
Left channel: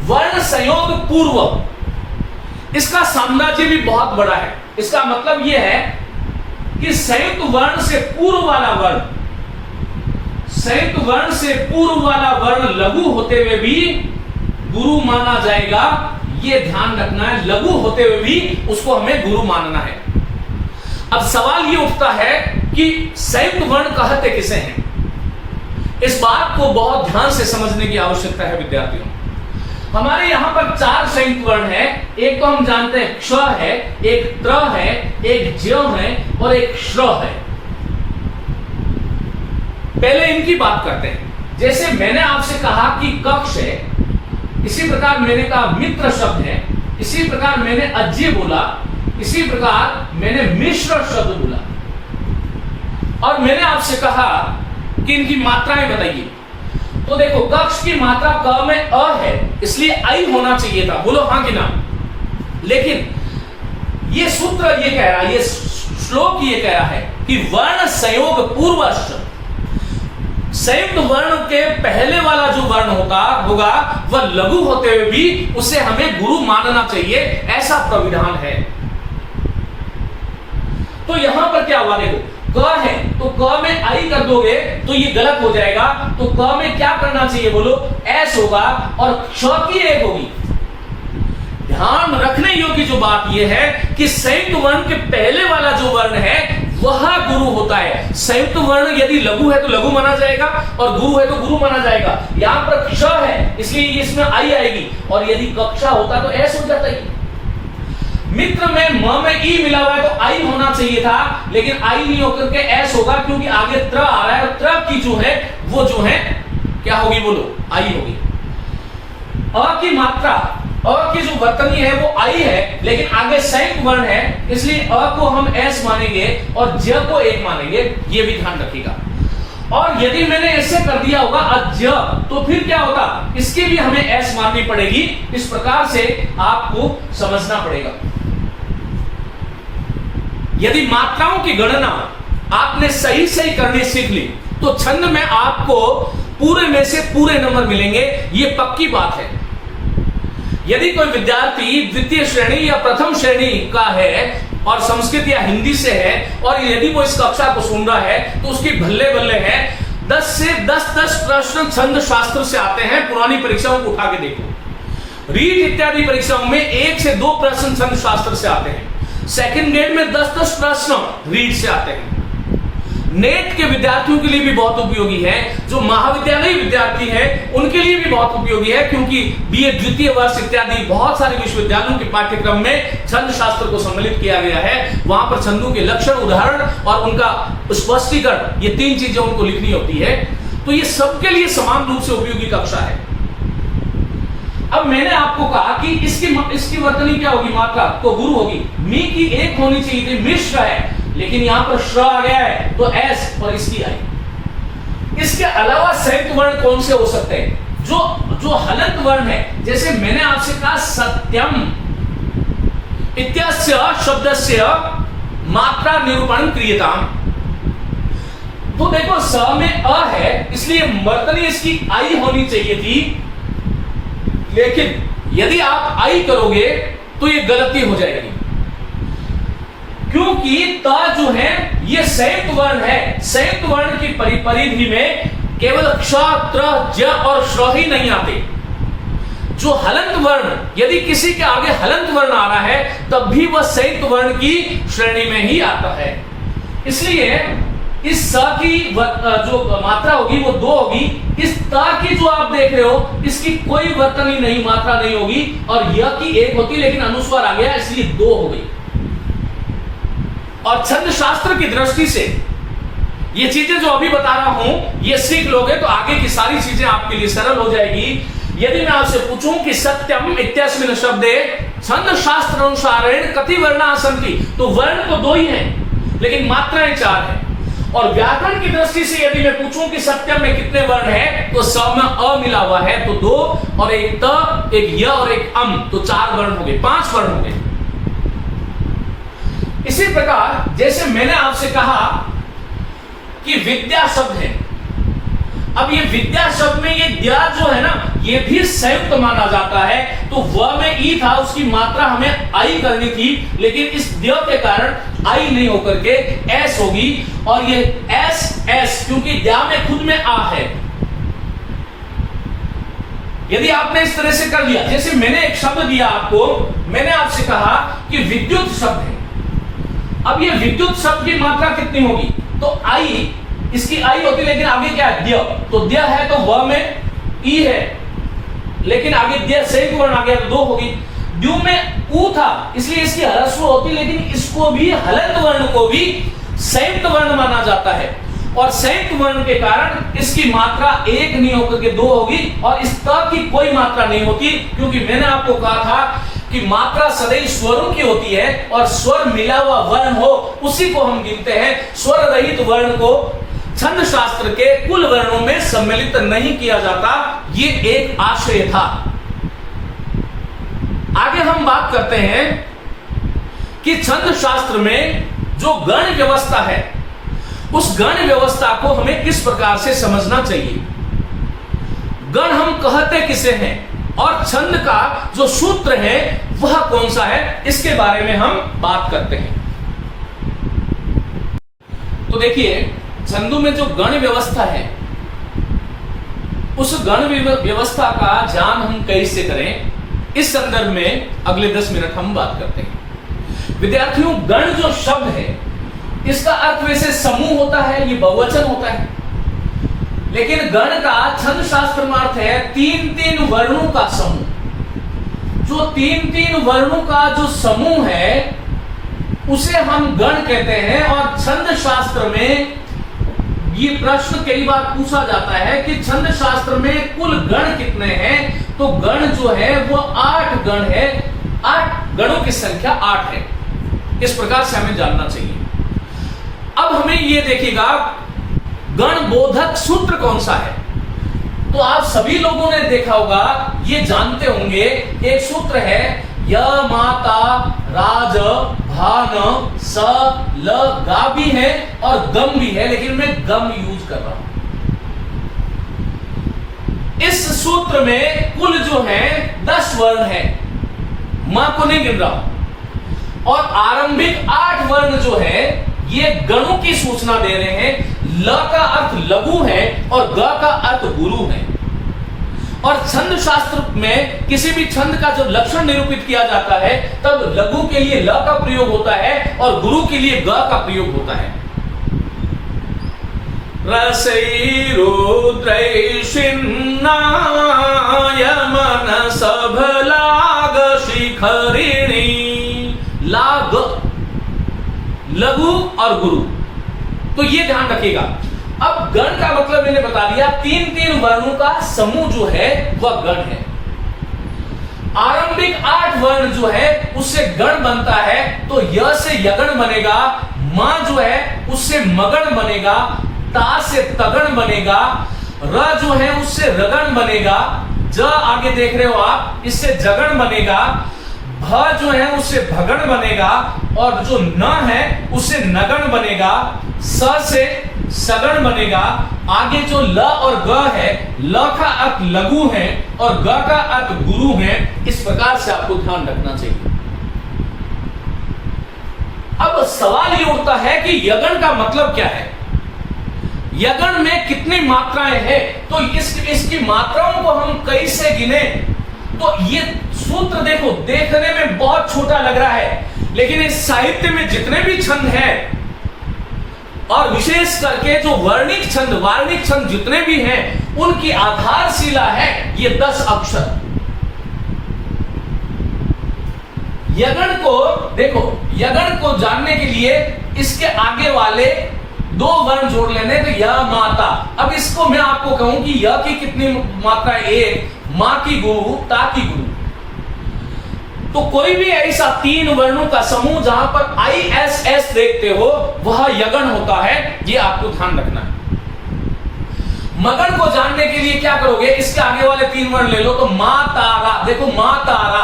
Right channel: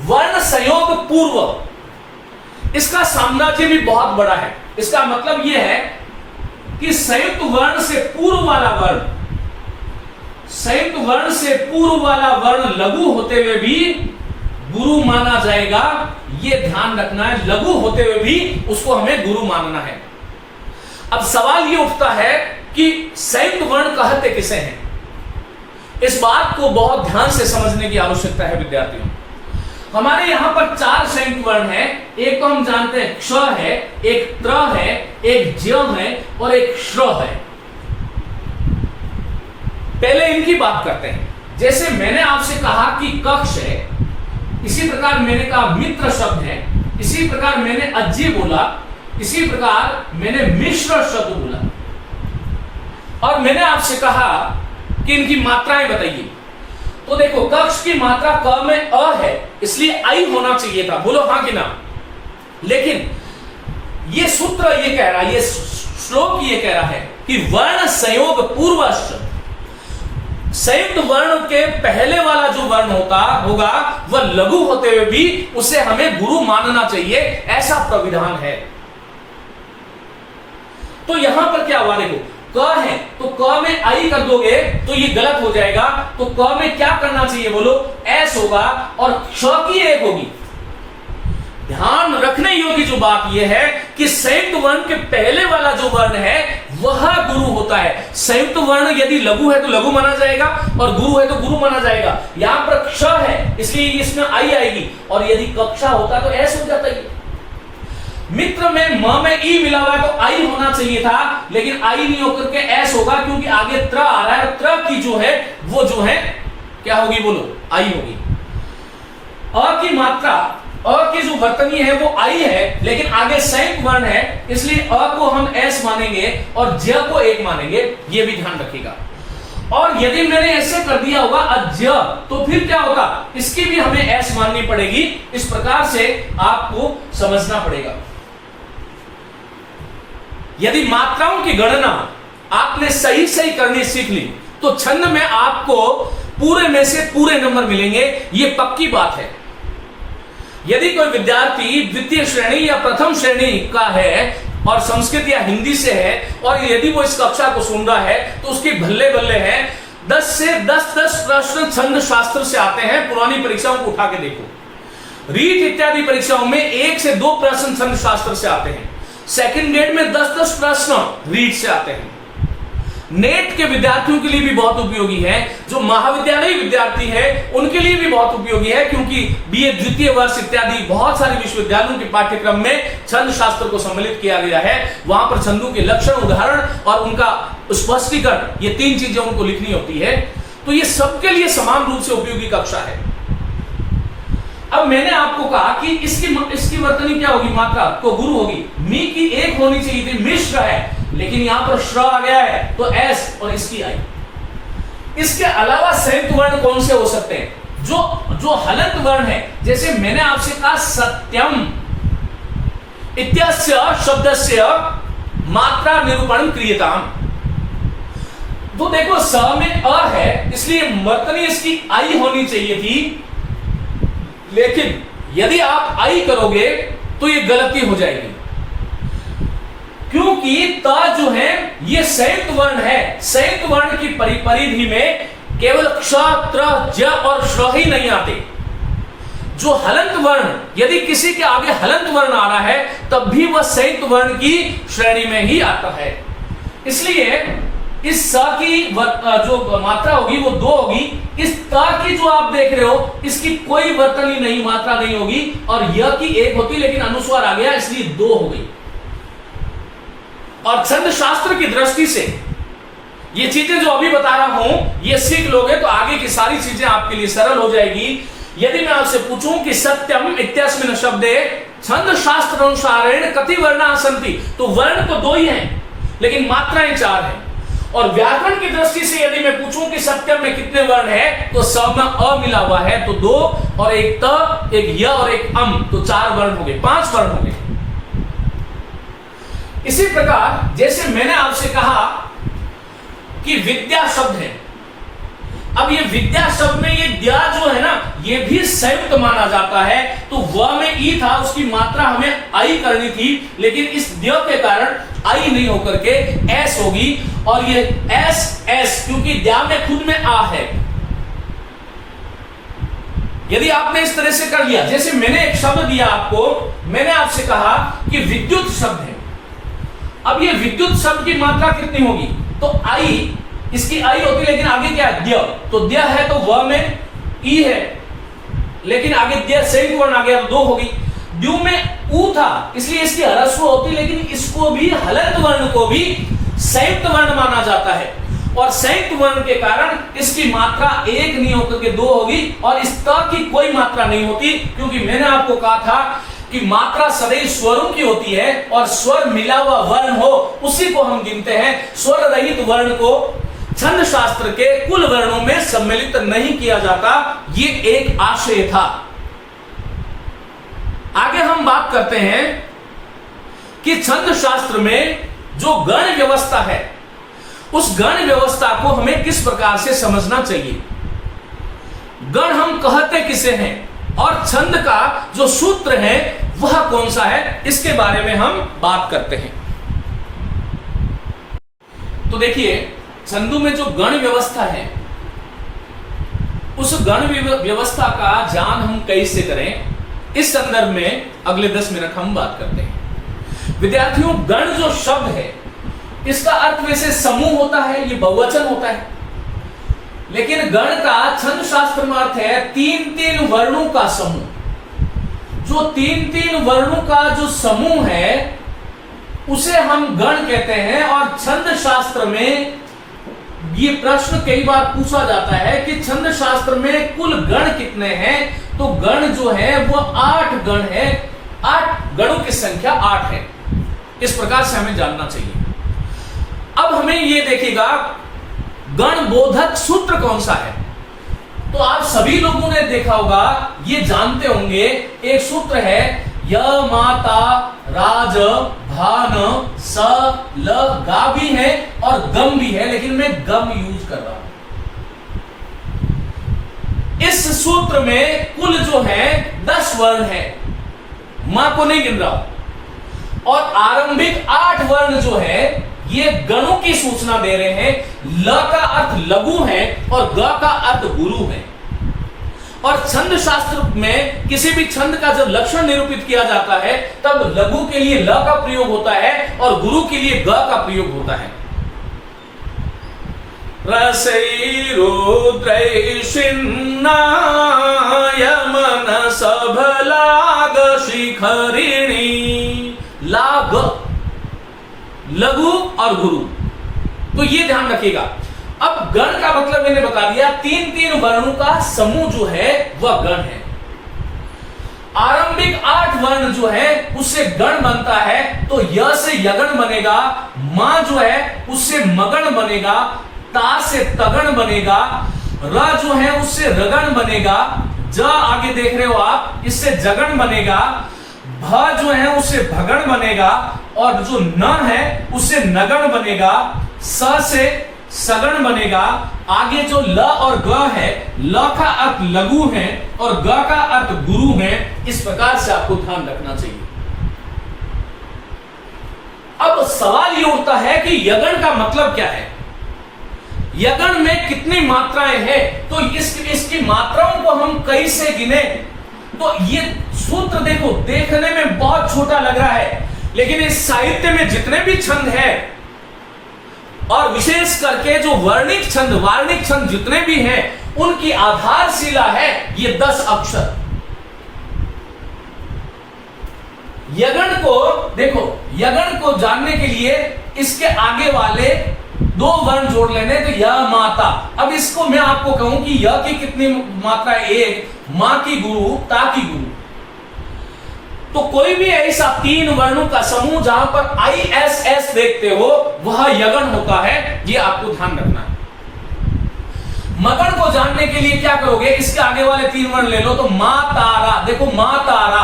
वर्ण संयोग पूर्व। इसका साम्राज्य भी बहुत बड़ा है। इसका मतलब यह है कि संयुक्त वर्ण से पूर्व वाला वर्ण, संयुक्त वर्ण से पूर्व वाला वर्ण लघु होते हुए भी गुरु माना जाएगा। यह ध्यान रखना है, लघु होते हुए भी उसको हमें गुरु मानना है। अब सवाल यह उठता है कि संयुक्त वर्ण कहते किसे हैं। इस बात को बहुत ध्यान से समझने की आवश्यकता है विद्यार्थियों। हमारे यहां पर 4 संयुक्त वर्ण है। एक तो हम जानते हैं क्ष है, एक त्र है, एक ज्य है और एक श्र है। पहले इनकी बात करते हैं। जैसे मैंने आपसे कहा कि कक्ष है, इसी प्रकार मैंने कहा मित्र शब्द है, इसी प्रकार मैंने अज्य बोला, इसी प्रकार मैंने मिश्र शब्द बोला और मैंने आपसे कहा कि इनकी मात्राएं बताइए। तो देखो कक्ष की मात्रा क में अ है, इसलिए आई होना चाहिए था। बोलो हां कि ना। लेकिन ये सूत्र ये कह रहा है, ये श्लोक ये कह रहा है कि वर्ण संयोग पूर्वश्च, संयुक्त वर्ण के पहले वाला जो वर्ण होगा वह लघु होते हुए भी उसे हमें गुरु मानना चाहिए, ऐसा प्रविधान है। तो यहां पर क्या हुआ, देखो क है तो क में आई कर दोगे तो ये गलत हो जाएगा। तो क में क्या करना चाहिए बोलो, एस होगा और क्ष की एक होगी। ध्यान रखने योग्य जो बात यह है कि संयुक्त वर्ण के पहले वाला जो वर्ण है वह गुरु होता है। संयुक्त वर्ण यदि लघु है तो लघु माना जाएगा और गुरु है तो गुरु माना जाएगा। यहां पर क्ष है इसलिए इसमें आई आएगी और यदि कक्षा होता तो एस हो जाता है। मित्र में म में ई मिला हुआ है तो आई होना चाहिए था, लेकिन आई नहीं होकर के एस होगा क्योंकि आगे त्र आ रहा है। त्र की जो है वो जो है क्या होगी बोलो, आई होगी। अ की मात्रा, अ की जो वर्तनी है वो आई है, लेकिन आगे संयुक्त वर्ण है इसलिए अ को हम एस मानेंगे और ज को एक मानेंगे। ये भी ध्यान रखिएगा। और यदि मैंने ऐसे कर दिया होगा अज्य तो फिर क्या होगा, इसकी भी हमें एस माननी पड़ेगी। इस प्रकार से आपको समझना पड़ेगा। यदि मात्राओं की गणना आपने सही सही करनी सीख ली तो छंद में आपको पूरे में से पूरे नंबर मिलेंगे, ये पक्की बात है। यदि कोई विद्यार्थी द्वितीय श्रेणी या प्रथम श्रेणी का है और संस्कृत या हिंदी से है और यदि वो इस कक्षा को सुन रहा है तो उसकी भल्ले भल्ले है। 10 से 10 प्रश्न छंद शास्त्र से आते हैं। पुरानी परीक्षाओं को उठा के देखो, रीट इत्यादि परीक्षाओं में 1 से 2 प्रश्न छंद शास्त्र से आते हैं। सेकंड ग्रेड में 10 प्रश्न रीट से आते हैं। नेट के विद्यार्थियों के लिए भी बहुत उपयोगी है, जो महाविद्यालय विद्यार्थी है उनके लिए भी बहुत उपयोगी है, क्योंकि बीए द्वितीय वर्ष इत्यादि बहुत सारे विश्वविद्यालयों के पाठ्यक्रम में छंद शास्त्र को सम्मिलित किया गया है। वहां पर छंदों के लक्षण, उदाहरण और उनका स्पष्टीकरण, ये 3 चीजें उनको लिखनी होती है। तो ये सबके लिए समान रूप से उपयोगी कक्षा है। अब मैंने आपको कहा कि इसकी वर्तनी क्या होगी, मात्रा तो गुरु होगी। मी की एक होनी चाहिए थी, मिश्र है, लेकिन यहां पर श्र आ गया है तो एस और इसकी आई। इसके अलावा संयुक्त वर्ण कौन से हो सकते हैं, जो हलंत वर्ण है। जैसे मैंने आपसे कहा सत्यम इत्यस्य शब्दस्य मात्रा निरूपण क्रियताम। तो देखो स में अ है इसलिए वर्तनी इसकी आई होनी चाहिए थी, लेकिन यदि आप आई करोगे तो ये गलती हो जाएगी। क्योंकि त जो है ये संयुक्त वर्ण है। संयुक्त वर्ण की परिधि में केवल क्ष, त्र, ज और श्र ही नहीं आते। जो हलंत वर्ण, यदि किसी के आगे हलंत वर्ण आ रहा है तब भी वह संयुक्त वर्ण की श्रेणी में ही आता है। इसलिए इस स की जो मात्रा होगी वो 2 होगी। इस त की जो आप देख रहे हो इसकी कोई वर्तनी नहीं, मात्रा नहीं होगी, और य की 1 होती, लेकिन अनुस्वार आ गया इसलिए 2 हो गई। और छंद शास्त्र की दृष्टि से ये चीजें जो अभी बता रहा हूं ये सीख लोगे तो आगे की सारी चीजें आपके लिए सरल हो जाएगी। यदि मैं आपसे पूछूं कि सत्यम इत्यस्मिन् शब्दे छंद शास्त्र अनुसारेण कति वर्णा सन्ति, तो वर्ण तो 2 ही हैं लेकिन मात्राएं 4 हैं। और व्याकरण की दृष्टि से यदि मैं पूछूं कि सत्यम में कितने वर्ण है, तो स में अ मिला हुआ है तो 2, और एक त, एक य और एक अम, तो 4 वर्ण हो गए, 5 वर्ण हो गए। इसी प्रकार जैसे मैंने आपसे कहा कि विद्या शब्द है, अब ये विद्या शब्द में ये द्या जो है ना ये भी संयुक्त माना जाता है। तो व में ई था, उसकी मात्रा हमें आई करनी थी, लेकिन इस द्य के कारण आई नहीं होकर के एस होगी, और ये एस एस क्योंकि द्या में खुद में आ है। यदि आपने इस तरह से कर लिया, जैसे मैंने एक शब्द दिया आपको, मैंने आपसे कहा कि विद्युत शब्द है। अब ये विद्युत शब्द की मात्रा कितनी होगी, तो आई, इसकी आई होती, लेकिन आगे क्या है द्य, तो द्य है तो व में ई है, लेकिन आगे द्य संयुक्त वर्ण आ गया तो 2 होगी। द्यू में ऊ था इसलिए इसकी ह्रस्व होती, लेकिन इसको भी हलंत वर्ण को भी संयुक्त वर्ण माना जाता है, और संयुक्त वर्ण के कारण इसकी मात्रा 1 नहीं होकर के 2 होगी, और इस त की कोई मात्रा नहीं होती, क्योंकि मैंने आपको कहा था कि मात्रा सदैव स्वरों की होती है, और स्वर मिला हुआ वर्ण हो उसी को हम गिनते हैं। स्वर रहित वर्ण को छंद शास्त्र के कुल वर्णों में सम्मिलित नहीं किया जाता, ये एक आशय था। आगे हम बात करते हैं कि छंद शास्त्र में जो गण व्यवस्था है उस गण व्यवस्था को हमें किस प्रकार से समझना चाहिए। गण हम कहते किसे हैं, और छंद का जो सूत्र है वह कौन सा है, इसके बारे में हम बात करते हैं। तो देखिए, छंदों में जो गण व्यवस्था है उस गण व्यवस्था का ज्ञान हम कैसे करें, इस संदर्भ में अगले 10 मिनट हम बात करते हैं। विद्यार्थियों, गण जो शब्द है इसका अर्थ वैसे समूह होता है, ये बहुवचन होता है, लेकिन गण का छंद शास्त्र में अर्थ है 3-3 वर्णों का समूह। जो 3-3 वर्णों का जो समूह है उसे हम गण कहते हैं। और छंद शास्त्र में ये प्रश्न कई बार पूछा जाता है कि छंद शास्त्र में कुल गण कितने हैं, तो गण जो है वो 8 गण है, 8 गणों की संख्या 8 है। इस प्रकार से हमें जानना चाहिए। अब हमें ये देखिएगा गण बोधक सूत्र कौन सा है, तो आप सभी लोगों ने देखा होगा, ये जानते होंगे, एक सूत्र है य माता राज भान स ल गा भी है और गम भी है, लेकिन मैं गम यूज कर रहा हूं। इस सूत्र में कुल जो है 10 वर्ण है, मां को नहीं गिन रहा, और आरंभिक 8 वर्ण जो है ये गणों की सूचना दे रहे हैं। ल का अर्थ लघु है और ग का अर्थ गुरु है। और छंद शास्त्र में किसी भी छंद का जब लक्षण निरूपित किया जाता है तब लघु के लिए ल का प्रयोग होता है और गुरु के लिए ग का प्रयोग होता है। रसै रुद्रै यमन सभलाग शिखरिणी, लाग लघु और गुरु, तो ये ध्यान रखिएगा। अब गण का मतलब मैंने बता दिया, 3-3 वर्णों का समूह जो है वह गण है। आरंभिक 8 वर्ण जो है उससे गण बनता है, तो य से यगण बनेगा, मां जो है उससे मगण बनेगा, ता से तगण बनेगा, र जो है उससे रगण बनेगा, ज आगे देख रहे हो आप, इससे जगण बनेगा, भ जो है उससे भगण बनेगा, और जो न है उससे नगण बनेगा, स से सगण बनेगा। आगे जो ल और ग है, ल का अर्थ लघु है और ग का अर्थ गुरु है। इस प्रकार से आपको ध्यान रखना चाहिए। अब सवाल ये उठता है कि यगन का मतलब क्या है, यगन में कितनी मात्राएं हैं, तो इसकी मात्राओं को हम कैसे गिने। तो ये सूत्र देखो देखने में बहुत छोटा लग रहा है, लेकिन इस साहित्य में जितने भी छंद हैं और विशेष करके जो वर्णिक छंद वार्णिक छंद जितने भी हैं, उनकी आधारशिला है ये 10 अक्षर। यगन को देखो, यगन को जानने के लिए इसके आगे वाले 2 वर्ण जोड़ लेने, तो य माता। अब इसको मैं आपको कहूं कि य की कितनी मात्रा है, 1, मां की गुरु, ता की गुरु। तो कोई भी ऐसा 3 वर्णों का समूह जहां पर ISS देखते हो वह यगन होता है, ये आपको ध्यान रखना है। मगन को जानने के लिए क्या करोगे, इसके आगे वाले 3 वर्ण ले लो, तो मां तारा, देखो मां तारा,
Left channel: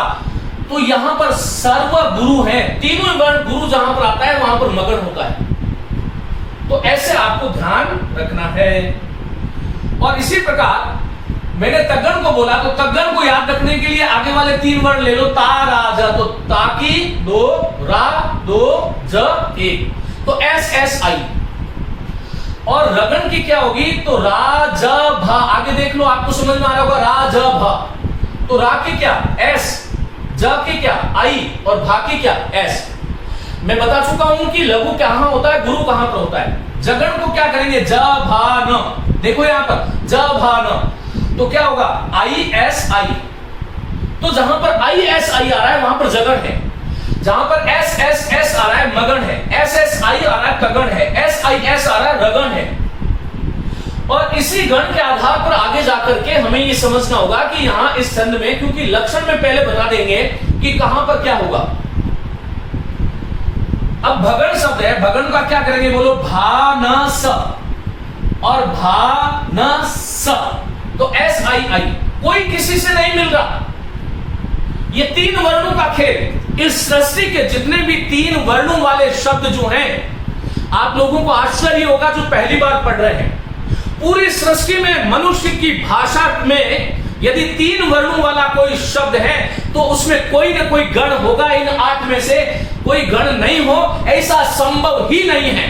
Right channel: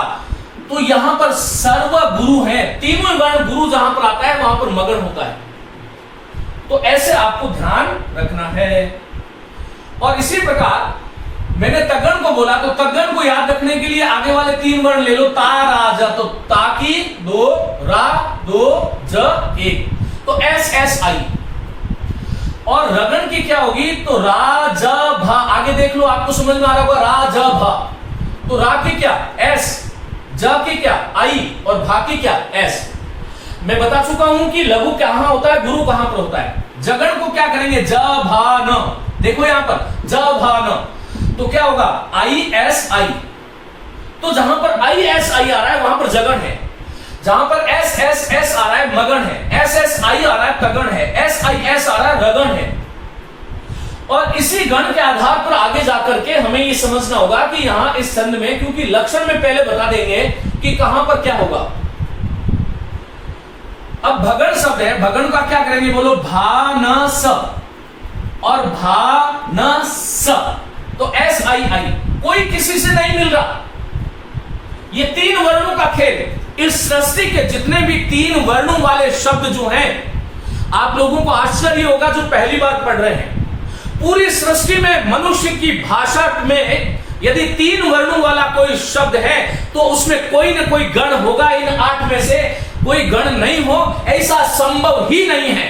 तो यहां पर सर्व गुरु है, तीनों वर्ण गुरु जहां पर आता है वहां पर मगन होता है। तो ऐसे आपको ध्यान रखना है। और इसी प्रकार मैंने तगन को बोला, तो तगन को याद रखने के लिए आगे वाले 3 वर्ण ले लो, ता रा ज, तो ताकी 2, रा 2, ज 1, तो SSI। और रगन की क्या होगी, तो रा ज भा, आगे देख लो आपको समझ में आ रहा होगा, रा ज भा, तो रा की क्या S, ज की क्या I, और भा की क्या S। मैं बता चुका हूं कि लघु कहां होता है, गुरु कहां पर होता है। जगन को क्या करेंगे, ज भा न, देखो यहां पर ज भा न, तो क्या होगा ISI। तो जहां पर ISI आ रहा है वहां पर जगन है, जहां पर SSS आ रहा है मगन है, SSI आ रहा है तगन है, SIS आ रहा है रगन है। और इसी गण के आधार पर आगे जाकर के हमें ये समझना होगा कि यहां इस छंद में, क्योंकि लक्षण में पहले बता देंगे कि कहां पर क्या होगा। अब भगन शब्द है, भगन का क्या करेंगे, बोलो भा न स और भा न स, तो SII, कोई किसी से नहीं मिल रहा। ये 3 वर्णों का खेल, इस सृष्टि के जितने भी 3 वर्णों वाले शब्द जो हैं, आप लोगों को आश्चर्य होगा जो पहली बार पढ़ रहे हैं। पूरी सृष्टि में मनुष्य की भाषा में यदि 3 वर्णों वाला कोई शब्द है तो उसमें कोई ना कोई गण होगा। इन 8 में से कोई गण नहीं हो ऐसा संभव ही नहीं है।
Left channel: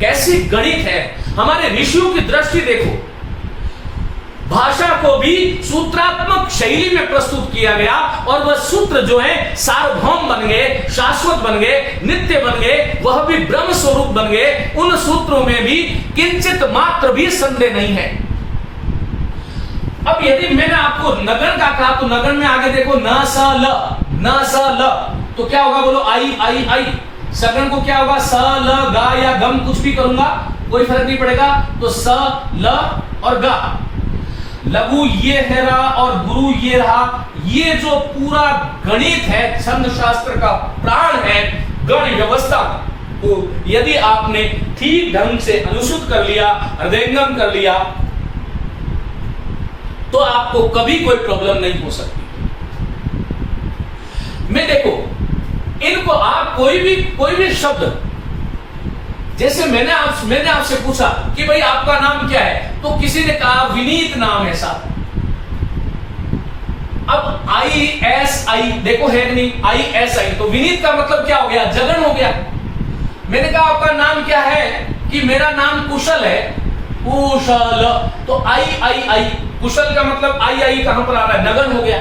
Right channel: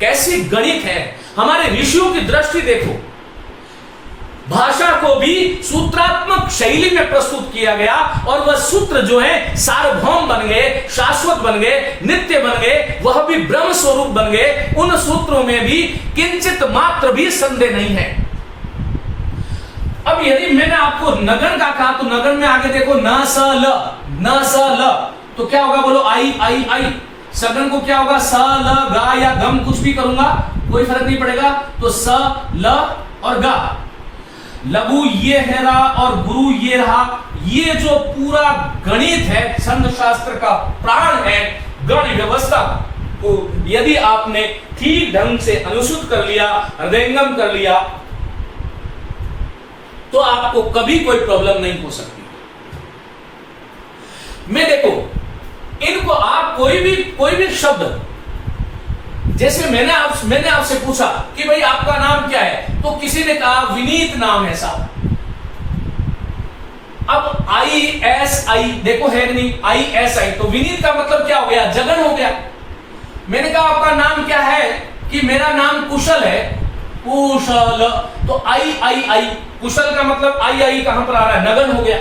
कैसी गणित है, हमारे ऋषियों की दृष्टि देखो। भाषा को भी सूत्रात्मक शैली में प्रस्तुत किया गया और वह सूत्र जो है सार्वभौम बन गए, शाश्वत बन गए, नित्य बन गए, वह भी ब्रह्म स्वरूप बन गए। उन सूत्रों में भी किंचित मात्र भी संदेह नहीं है। अब यदि मैंने आपको नगन का कहा तो नगन में आगे देखो न स ल, न स ल, तो क्या होगा, बोलो आई आई आई। सगन को क्या होगा, स ल गा या गम, कुछ भी करूंगा कोई फर्क नहीं पड़ेगा, तो स ल और गा। लघु ये है रहा और गुरु ये रहा। ये जो पूरा गणित है, छंद शास्त्र का प्राण है, गण व्यवस्था को यदि आपने ठीक ढंग से अनुसूत कर लिया, हृदयंगम कर लिया, तो आपको कभी कोई प्रॉब्लम नहीं हो सकती। मैं देखो इनको आप कोई भी शब्द, जैसे मैंने आपसे पूछा कि भाई आपका नाम क्या है, तो किसी ने कहा विनीत नाम है साहब। अब ISI देखो है नहीं, ISI, तो विनीत का मतलब क्या हो गया, जगन हो गया। मैंने कहा आपका नाम क्या है, कि मेरा नाम कुशल है, कुशल, तो II, कुशल का मतलब II कहां पर आ रहा है, नगन हो गया।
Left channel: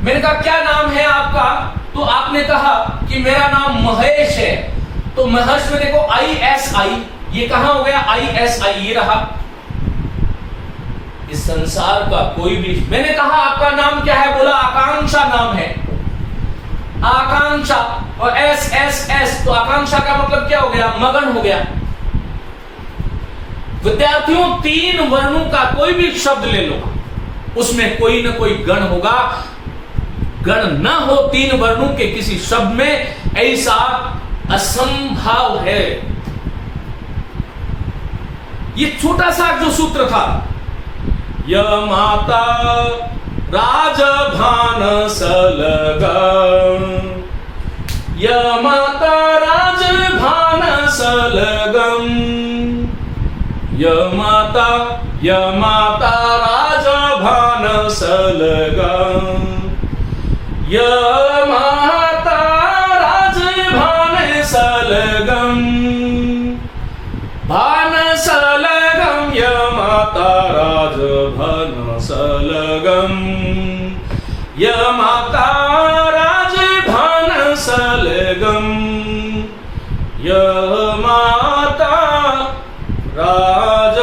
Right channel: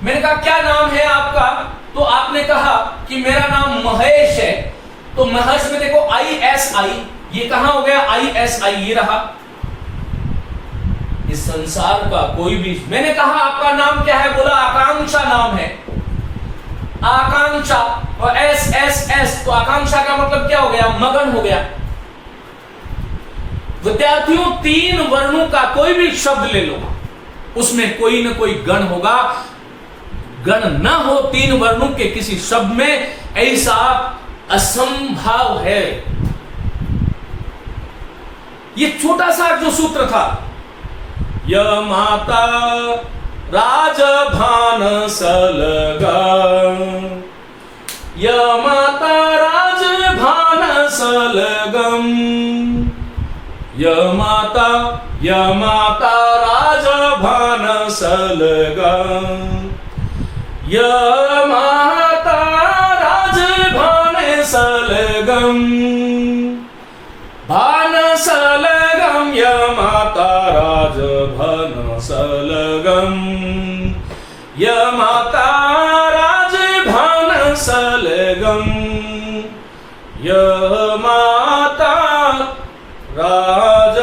मैंने कहा क्या नाम है आपका, तो आपने कहा कि मेरा नाम महेश है, तो महेश में देखो ISI, ये कहां हो गया, ISI, ये रहा। इस संसार का कोई भी, मैंने कहा आपका नाम क्या है, बोला आकांक्षा नाम है, आकांक्षा, और SSS, तो आकांक्षा का मतलब क्या हो गया, मगन हो गया। विद्यार्थियों 3 वर्णों का कोई भी शब्द ले लो, उसमें कोई ना कोई गण होगा। गण न हो 3 वर्णों के किसी शब्द में, ऐसा असंभव है। ये छोटा सा जो सूत्र था, य माता राजभान सलगा, य माता राजभान सलगम, य माता राजभान सलगम, य माता राजभान भानसलगम यमाता राज भानसलगम यमाता राज भानसलगम यमाता राज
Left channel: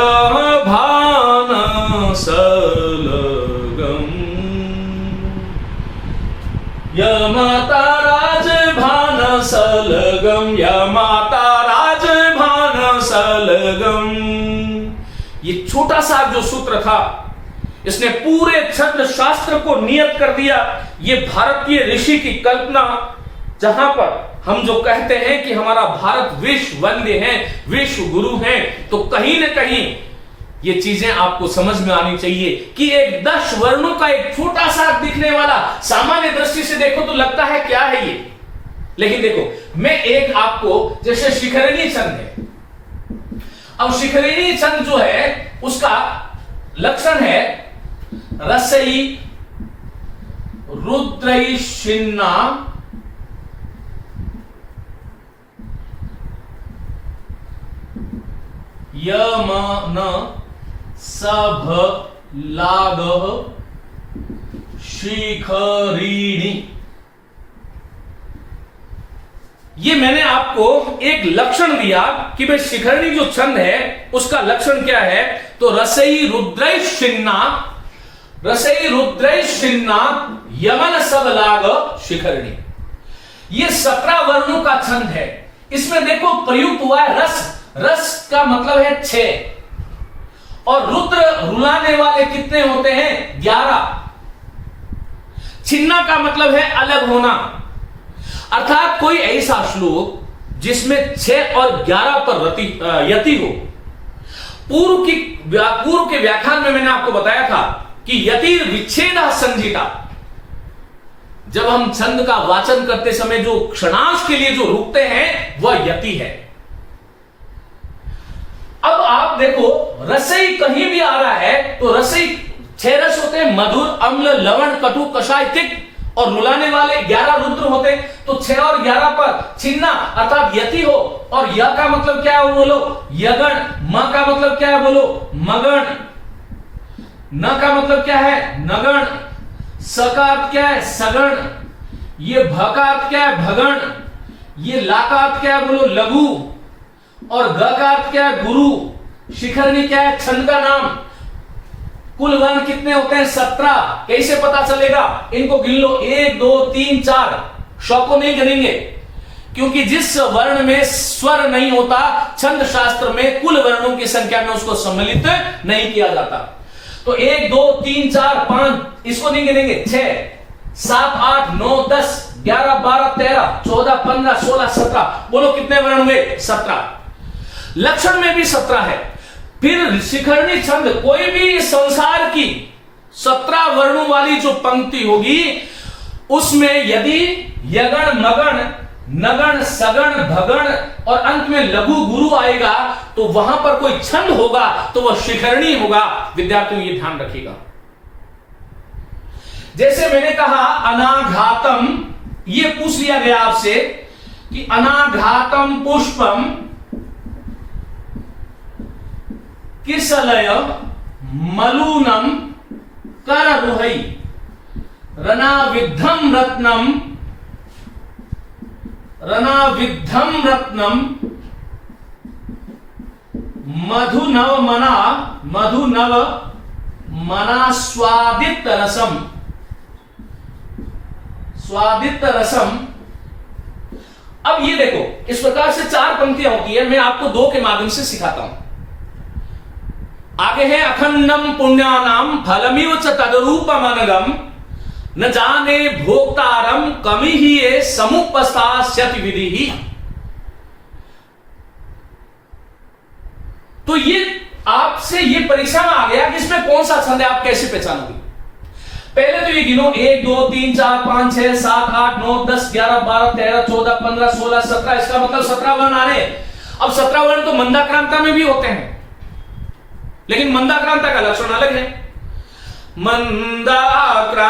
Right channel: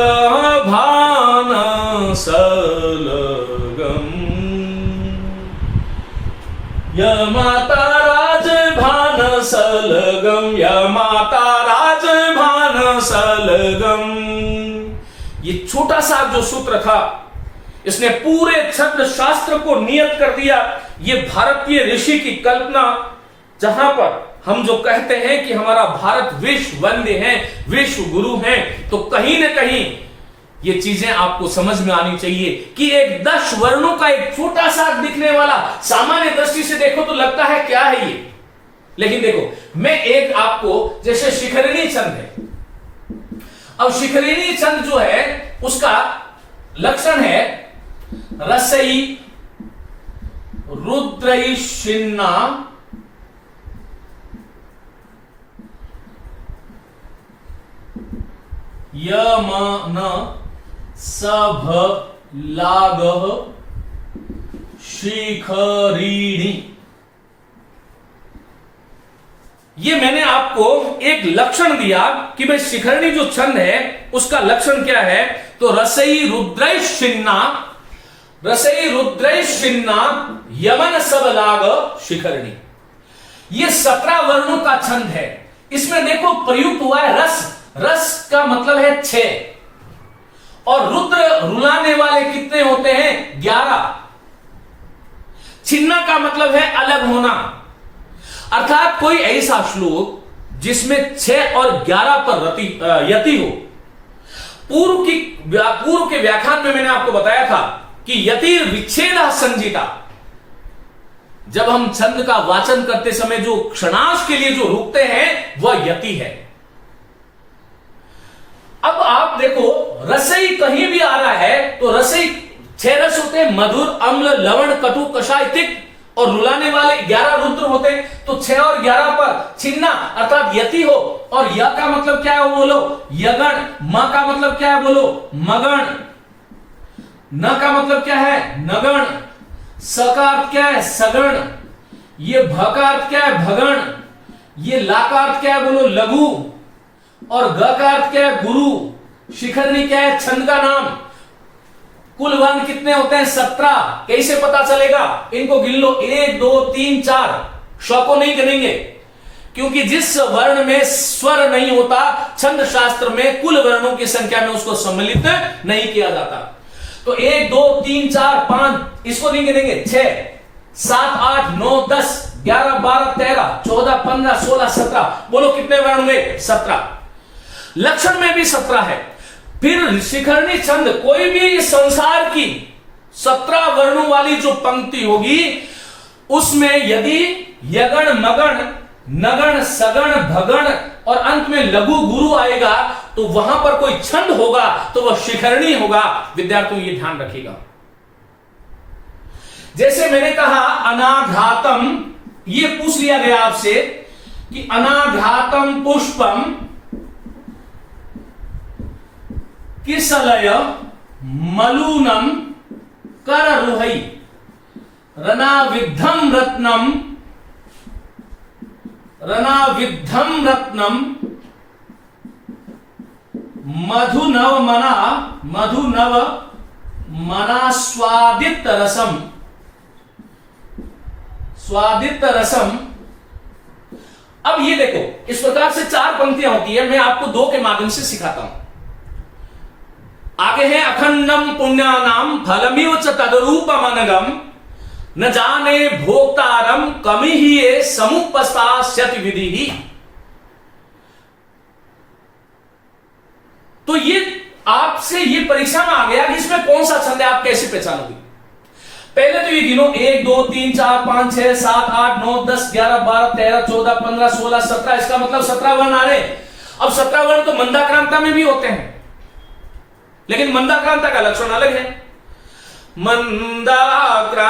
भानसलगम यमाता राज भानसलगम यमाता राज भानसलगम। ये छोटा सा जो सूत्र था इसने पूरे छंद शास्त्र को नियत कर दिया। ये भारतीय ऋषि की कल्पना, जहां पर हम जो कहते हैं कि हमारा भारत विश्व वंद्य है, विश्व गुरु है, तो कहीं ना कहीं ये चीजें आपको समझ में आनी चाहिए कि एक 10 वर्णों का एक छोटा सा दिखने वाला, सामान्य दृष्टि से देखो तो लगता है क्या है ये, लेकिन देखो मैं एक आपको, जैसे शिखरिणी छंद है, अब शिखरिणी छंद जो है उसका लक्षण है रसई रुद्रई शिन्ना यमन सभ लाग शिखरिणी। ये मैंने आपको एक लक्षण दिया कि भाई शिखरिणी जो छंद है उसका लक्षण क्या है, तो रसई रुद्रई शिन्ना, रसई रुद्रई शिन्ना यमन सब लाग शिखरिणी। ये 17 वर्णों का छंद है। इसमें देखो प्रयुक्त हुआ है रस, रस का मतलब है 6, और रुद्र रुलाने वाले कितने होते हैं 11। छिन्ना का मतलब है अलग होना, अर्थात कोई ऐसा श्लोक जिसमें 6 और 11 पर यति हो। पूर्व के व्याख्यान में मैंने आपको बताया था कि यति विच्छेद संजीता, जब हम छंद का वाचन करते समय जो क्षणांश के लिए जो रुकते हैं वह यति है। अब आप देखो रसई कहीं भी आ रहा है तो रसई 6 रस होते हैं, मधुर, अम्ल, लवण, कटु, कषाय, तिक्त, और रुलाने वाले 11 रुद्र होते हैं। तो 6 और 11 पर छिन्ना अर्थात यति हो, और य का मतलब क्या है वो बोलो यगण, म का मतलब क्या है बोलो मगण, न का मतलब क्या है नगण, स का अर्थ क्या है सगण, ये भ का अर्थ क्या है भगण, ये ला का अर्थ क्या है बोलो लघु, और ग का अर्थ क्या है गुरु। शिखरिणी क्या है छंद का नाम। कुल वर्ण कितने होते हैं 17। कैसे पता चलेगा, इनको गिन लो 1 2 3 4, शौ को नहीं गिनेंगे क्योंकि जिस वर्ण में स्वर नहीं होता छंद शास्त्र में कुल वर्णों की संख्या में उसको सम्मिलित नहीं किया जाता। तो 1 2 3 4 5 इसको नहीं गिनेंगे, 6 7 8 9 10 11 12 13 14 15 16 17, बोलो कितने वर्ण हुए 17। लक्षण में भी 17 है। फिर शिखरिणी छंद कोई भी संसार की 17 वर्णों वाली जो पंक्ति होगी उसमें यदि यगण मगण नगण सगण भगण और अंत में लघु गुरु आएगा तो वहां पर कोई छंद होगा तो वह शिखरिणी होगा। विद्यार्थियों ये ध्यान रखिएगा। जैसे मैंने कहा अनाघातम, ये पूछ लिया गया आपसे कि अनाघातम पुष्पम किसलय मलूनम कररुहै रनाविद्धम रत्नम मधुनव मना स्वादित रसम। अब ये देखो इस प्रकार से 4 पंक्तियां होती है, मैं आपको 2 के माध्यम से सिखाता हूं। आगे है अखंडम पुण्यानाम फलमिव च तदरूपमनगम न जाने भोक्तारम कमी ही समुपस्थास्यति विधि ही। तो ये आपसे ये परीक्षा में आ गया कि इसमें कौन सा छंद है, आप कैसे पहचानोगे। पहले तो ये गिनो 1 2 3 4 5 6 7 8 9 10 11 12 13 14 15 16 17, इसका मतलब 17 वर्ण आ रहे। अब 17 वर्ण तो मंदाक्रांता में भी होते हैं, लेकिन मंदाक्रांता का लक्षण अलग है। मंदाक्रांता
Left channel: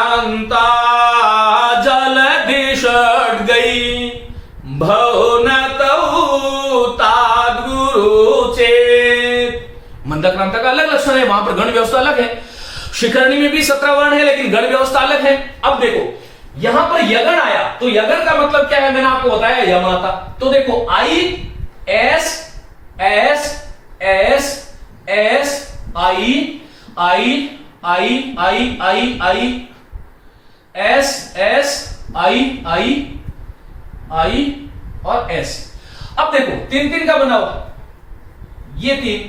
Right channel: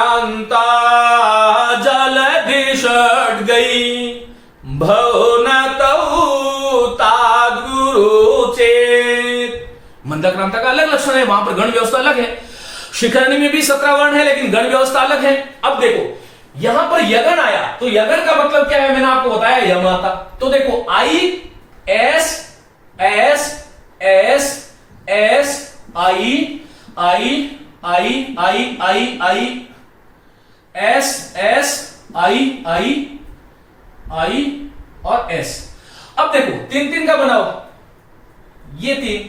जलधि षड् गई भवनतौ गुरु चेत। मंदक्रांता का अलग लक्षण है, वहां पर गण व्यवस्था अलग है। शिखरणी में भी 17 वर्ण है लेकिन गण व्यवस्था अलग है। अब देखो यहां पर यगन आया तो यगन का मतलब क्या है, मैंने आपको बताया यमाता। तो देखो I S S S S I I I I I I S S I I I और एस। अब देखो 3-3 का बनाओ, ये 3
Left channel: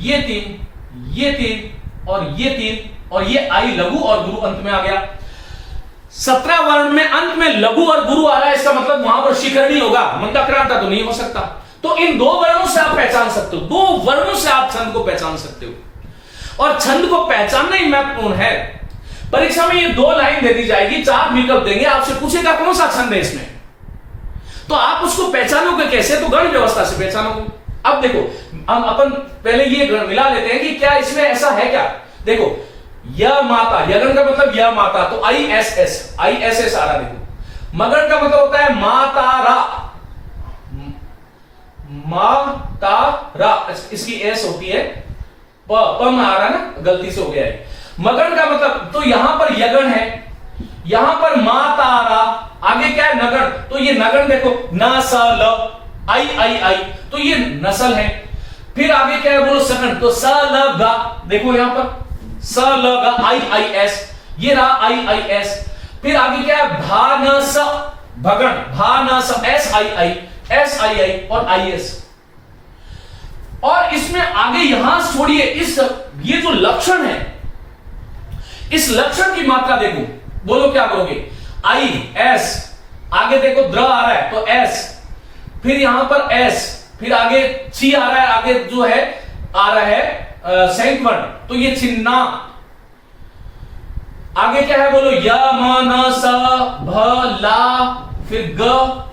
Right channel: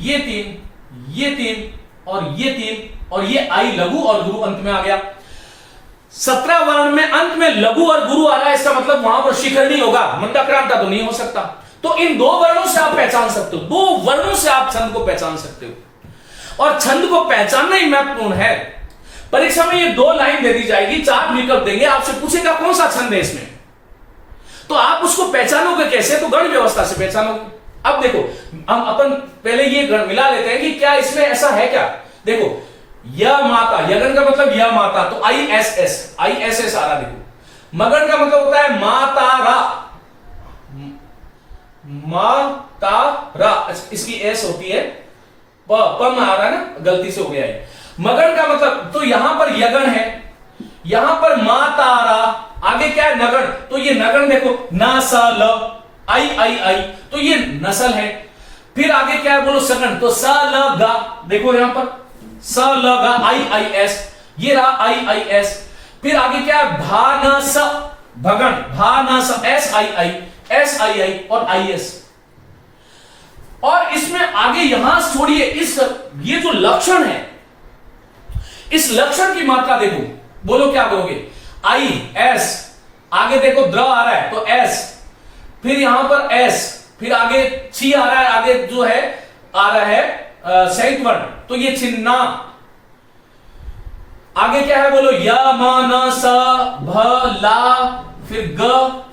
ये 3 ये 3 और ये 3 और ये आई लघु और गुरु अंत में आ गया। 17 वर्ण में अंत में लघु और गुरु आ रहा है, इसका मतलब वहां पर शिखरणी होगा, मंदाक्रांता तो नहीं हो सकता। तो इन 2 वर्णों से आप पहचान सकते हो, 2 वर्णों से आप छंद को पहचान सकते हो। और छंद को पहचानना ही महत्वपूर्ण है। परीक्षा में ये 2 लाइन दे दी जाएगी, 4 विकल्प देंगे, आपसे पूछेगा कौन सा छंद है इसमें, तो आप उसको पहचानोगे कैसे, तो गण व्यवस्था से पहचानोगे। अब देखो हम अपन पहले ये गण मिला लेते हैं कि क्या इसमें ऐसा है क्या। देखो य माता, यगन का मतलब य माता, तो आई एस एस आ रहा। देखो मगन का मतलब होता है मातारा, मातारा, इसकी एस होती है, प में आ रहा है ना, गलती से हो गया है। मगन का मतलब, तो यहां पर यगन है, यहां पर मातारा, आगे क्या है नगन, तो ये नगन देखो नसल, आई आई आई, तो ये नसल है। फिर आगे क्या है बोलो सगन, तो स ल गा, देखो यहां पर स ल गा आई आई एस, ये रहा आई आई एस। फिर आगे क्या है भानस, भगन, भानस, एस आई आई और आई एस। और इसमें आगे यहां छोड़िए, इस ये जो लक्षण है, इस लक्षण की मात्रा देखो, बोलो क्या करोगे, आई एस, आगे देखो द्र आ रहा है तो एस, फिर यहां पर एस, फिर आगे ची आ रहा है, आगे जो है आ रहा है संयुक्त वर्ण, तो ये छिन्ना। आगे क्या है बोलो, य म न स भ ला, फिर ग,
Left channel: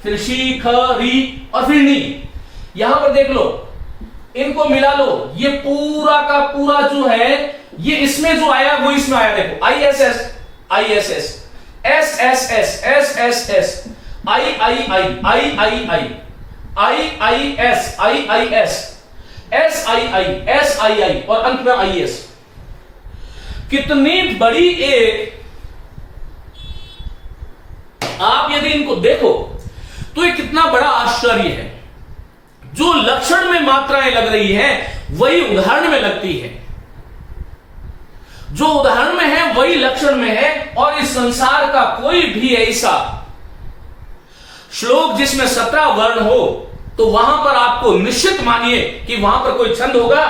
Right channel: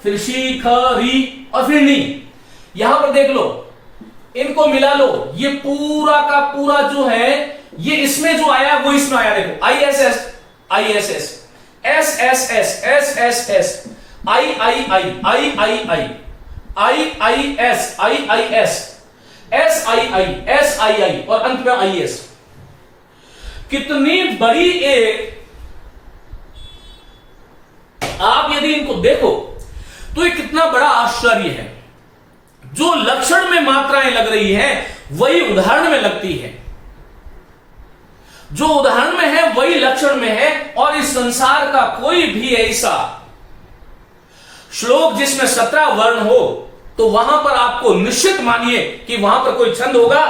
फिर शी ख री और फिर नी। यहां पर देख लो, इनको मिला लो, ये पूरा का पूरा जो है ये इसमें जो आया वो इसमें आया। देखो I S S S S S S S S I I I I I I I I S S I I और अंत में आई एस। कितनी बड़ी एक, आप यदि इनको देखो तो ये कितना बड़ा आश्चर्य है। जो लक्षण में मात्राएं लग रही हैं वही उदाहरण में लगती है, जो उदाहरण में है वही लक्षण में है। और इस संसार का कोई भी ऐसा श्लोक जिसमें 17 वर्ण हो तो वहां पर आपको निश्चित मानिए कि वहां पर कोई छंद होगा।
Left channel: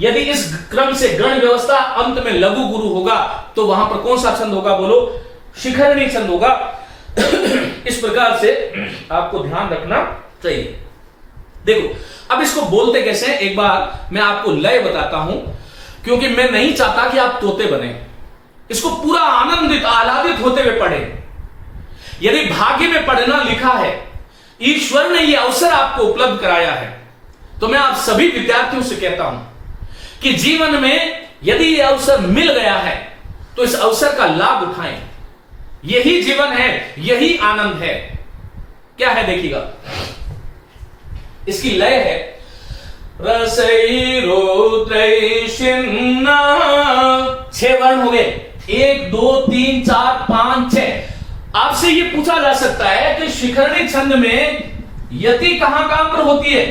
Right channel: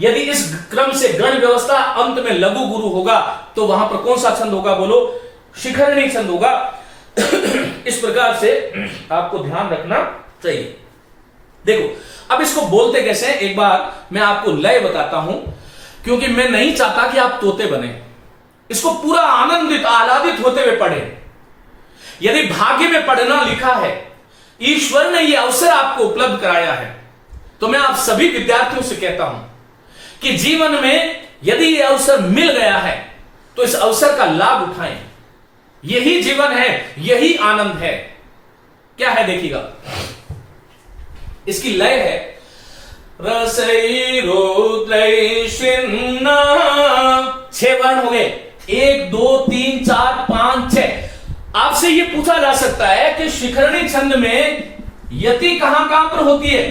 यदि इस क्रम से गण व्यवस्था अंत में लघु गुरु होगा तो वहां पर कौन सा छंद होगा बोलो, शिखरणी छंद होगा। इस प्रकार से आपको ध्यान रखना चाहिए। देखो अब इसको बोलते कैसे हैं, एक बार मैं आपको लय बताता हूं, क्योंकि मैं नहीं चाहता कि आप तोते बने। इसको पूरा आनंदित आह्लादित होते हुए पढ़े। यदि भाग्य में पढ़ना लिखा है, ईश्वर ने यह अवसर आपको उपलब्ध कराया है, तो मैं आप सभी विद्यार्थियों से कहता हूं कि जीवन में यदि यह अवसर मिल गया है तो इस अवसर का लाभ उठाएं। यही जीवन है, यही आनंद है। क्या है देखिएगा, इसकी लय है रसई रुद्रई शिन्ना। 6 वर्ण हो गए, 1 2 3 4 5 6। आपसे यह पूछा जा सकता है कि शिखरणी छंद में यति कहां कहां पर होती है,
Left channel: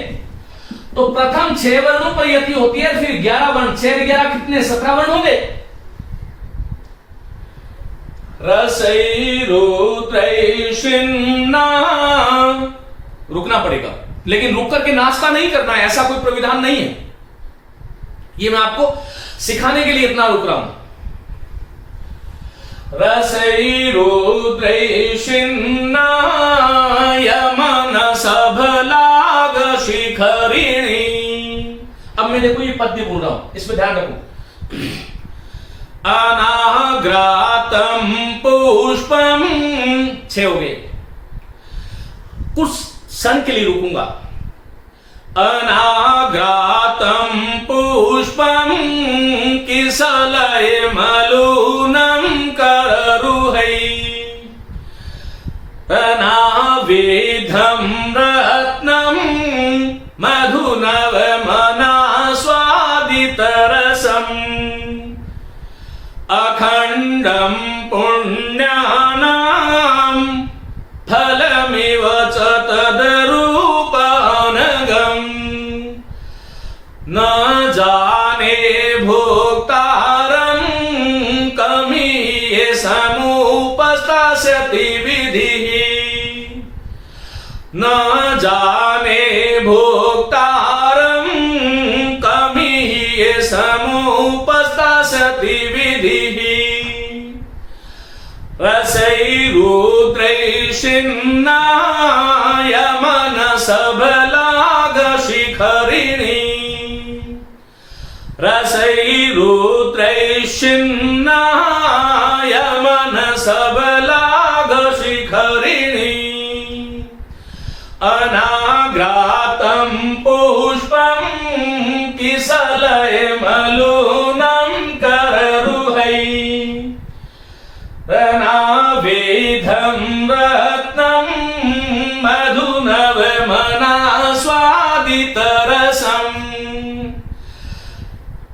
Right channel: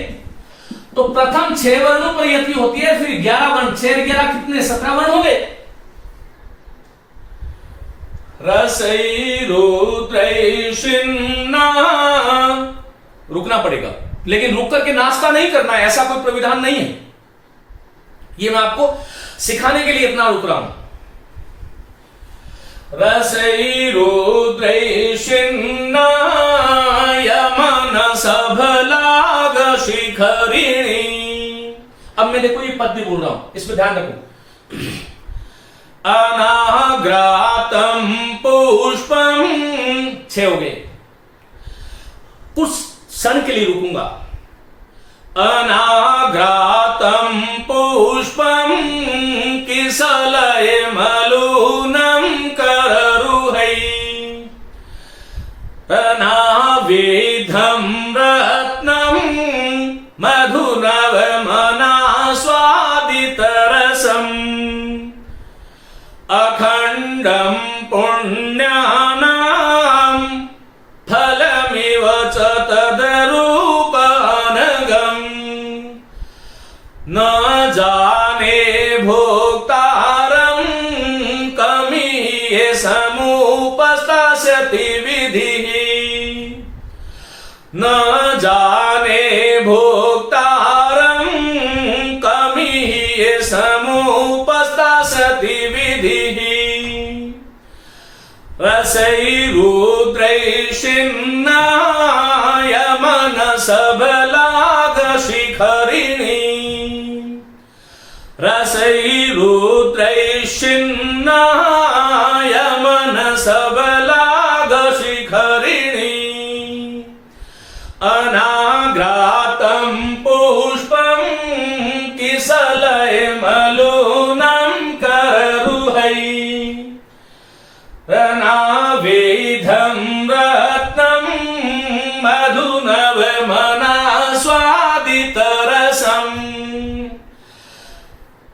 तो प्रथम 6 वर्णों पर यति होती है, फिर 11 वर्ण, 6 11 कितने, 17 वर्ण हो गए। रसई रुद्रई शिन्ना, रुकना पड़ेगा, लेकिन रुक करके नाश्ता नहीं करना है, ऐसा कोई प्राविधान नहीं है। ये मैं आपको सिखाने के लिए इतना रुक रहा हूं। रसई रुद्रई शिन्ना यमन सभलाग शिखरिणी। अब मैं देखो ये पद्य बोल रहा हूं, इसमें ध्यान रखो। अनाग्रातम पुष्पम, 6 हो गए, कुछ क्षण के लिए रुकूंगा। अनाग्रातम पुष्पम किसलय मलूनम कररुहै, अनावेधम रत्नम अखंडम पुण्यानाम फलमिव च तदरूपानगम न जाने भोक्तारं कमीये समुपस्थास्यति विधिः न जाने भोक्तारं कमीये समुपस्थास्यति विधिः रसैरुद्रैषिन्नाय मनसबलागशिखरिणी रसैरुद्रैषिन्नाय मनसबलागशिखरिणी अनाघ्रातं पुष्पं किसलयमलूनं कररुहै रनावेधं रत्नं मधुनवमनास्वादितरसम्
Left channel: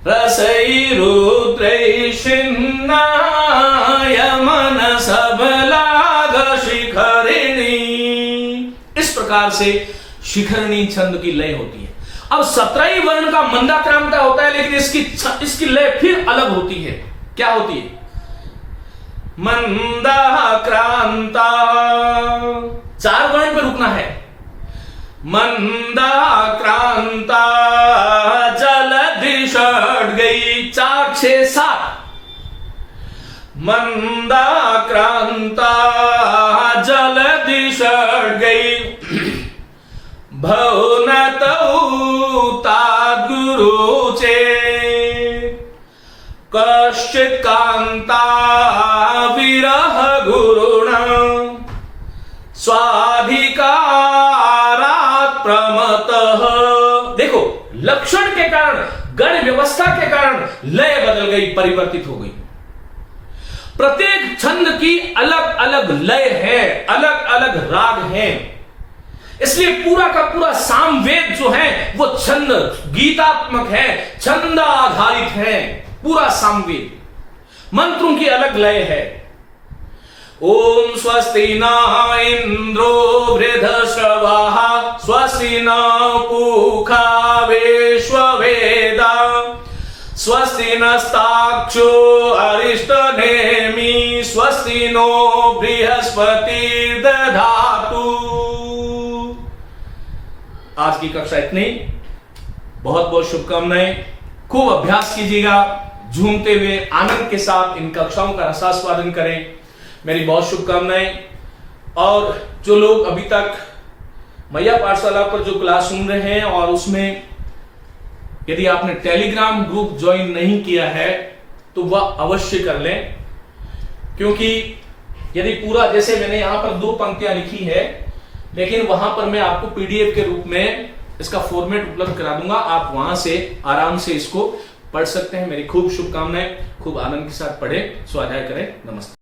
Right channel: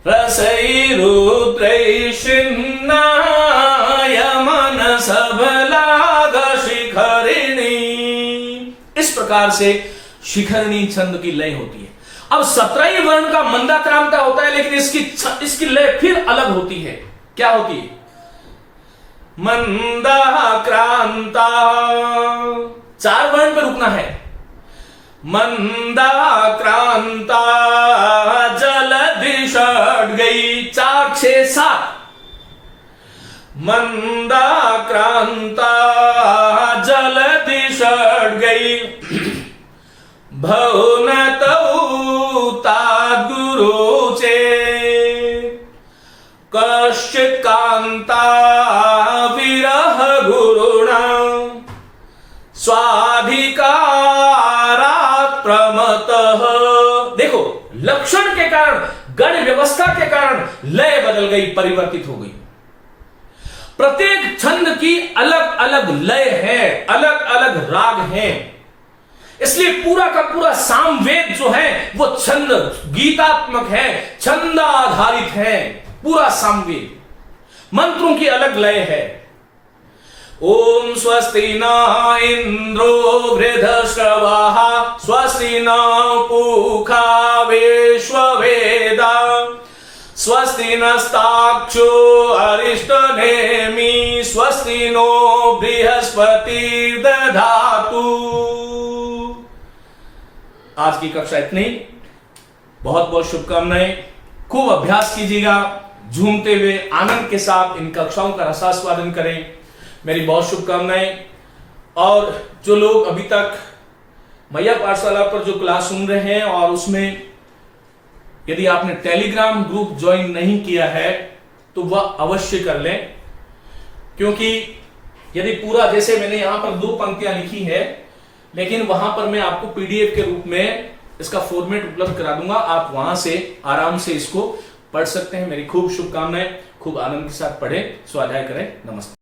रसैरुद्रैषिन्नाय मनसबलागशिखरिणी। इस प्रकार से शिखरिणी छंद की लय होती है। अब 17 वर्ण का मंदाक्रांता होता है, लेकिन इसकी लय फिर अलग होती है। क्या होती है? मंदाक्रांता, 4 वर्ण पे रुकना है। मंदाक्रांता जलधि षट गई, 4 6 7। मंदाक्रांता जलधि षट गई भवनतौ ताद्गुरुचे कश्चित् कांता विरह गुरुणा स्वाधिकारात् प्रमतः। देखो, लक्षण के कारण, गण व्यवस्था के कारण लय बदल गई, परिवर्तित हो गई। प्रत्येक छंद की अलग अलग लय है, अलग अलग राग है। इसलिए पूरा का पूरा सामवेद जो है वो छंद गीतात्मक है, छंद आधारित है। पूरा सामवेद मंत्रों की अलग लय है। ओम स्वस्ति न इंद्रो वृद्धश्रवाः स्वस्ति न पूषा विश्ववेदा स्वस्ति नस्ताक्षो अरिष्टनेमि स्वस्ति नो बृहस्पतिर्दधातु। आज की कक्षा इतनी। बहुत बहुत शुभकामनाएं। खूब अभ्यास कीजिएगा, झूमते हुए आनंद के साथ इन कक्षाओं का रसास्वादन करें। मेरी बहुत शुभकामनाएं। और जो लोग अभी तक मैया पाठशाला पर जो क्लास सुन रहे हैं और उसमें यदि आपने टेलीग्राम ग्रुप ज्वाइन नहीं किया है तो वह अवश्य कर लें, क्योंकि यदि पूरा, जैसे मैंने यहां पर 2 पंक्तियां लिखी है, लेकिन वहां पर मैं आपको पीडीएफ के रूप में इसका फॉर्मेट उपलब्ध करा दूंगा। आप वहां से आराम से इसको पढ़ सकते हैं। मेरी खूब शुभकामनाएं। खूब आनंद के साथ पढ़ें, स्वाध्याय करें। नमस्ते।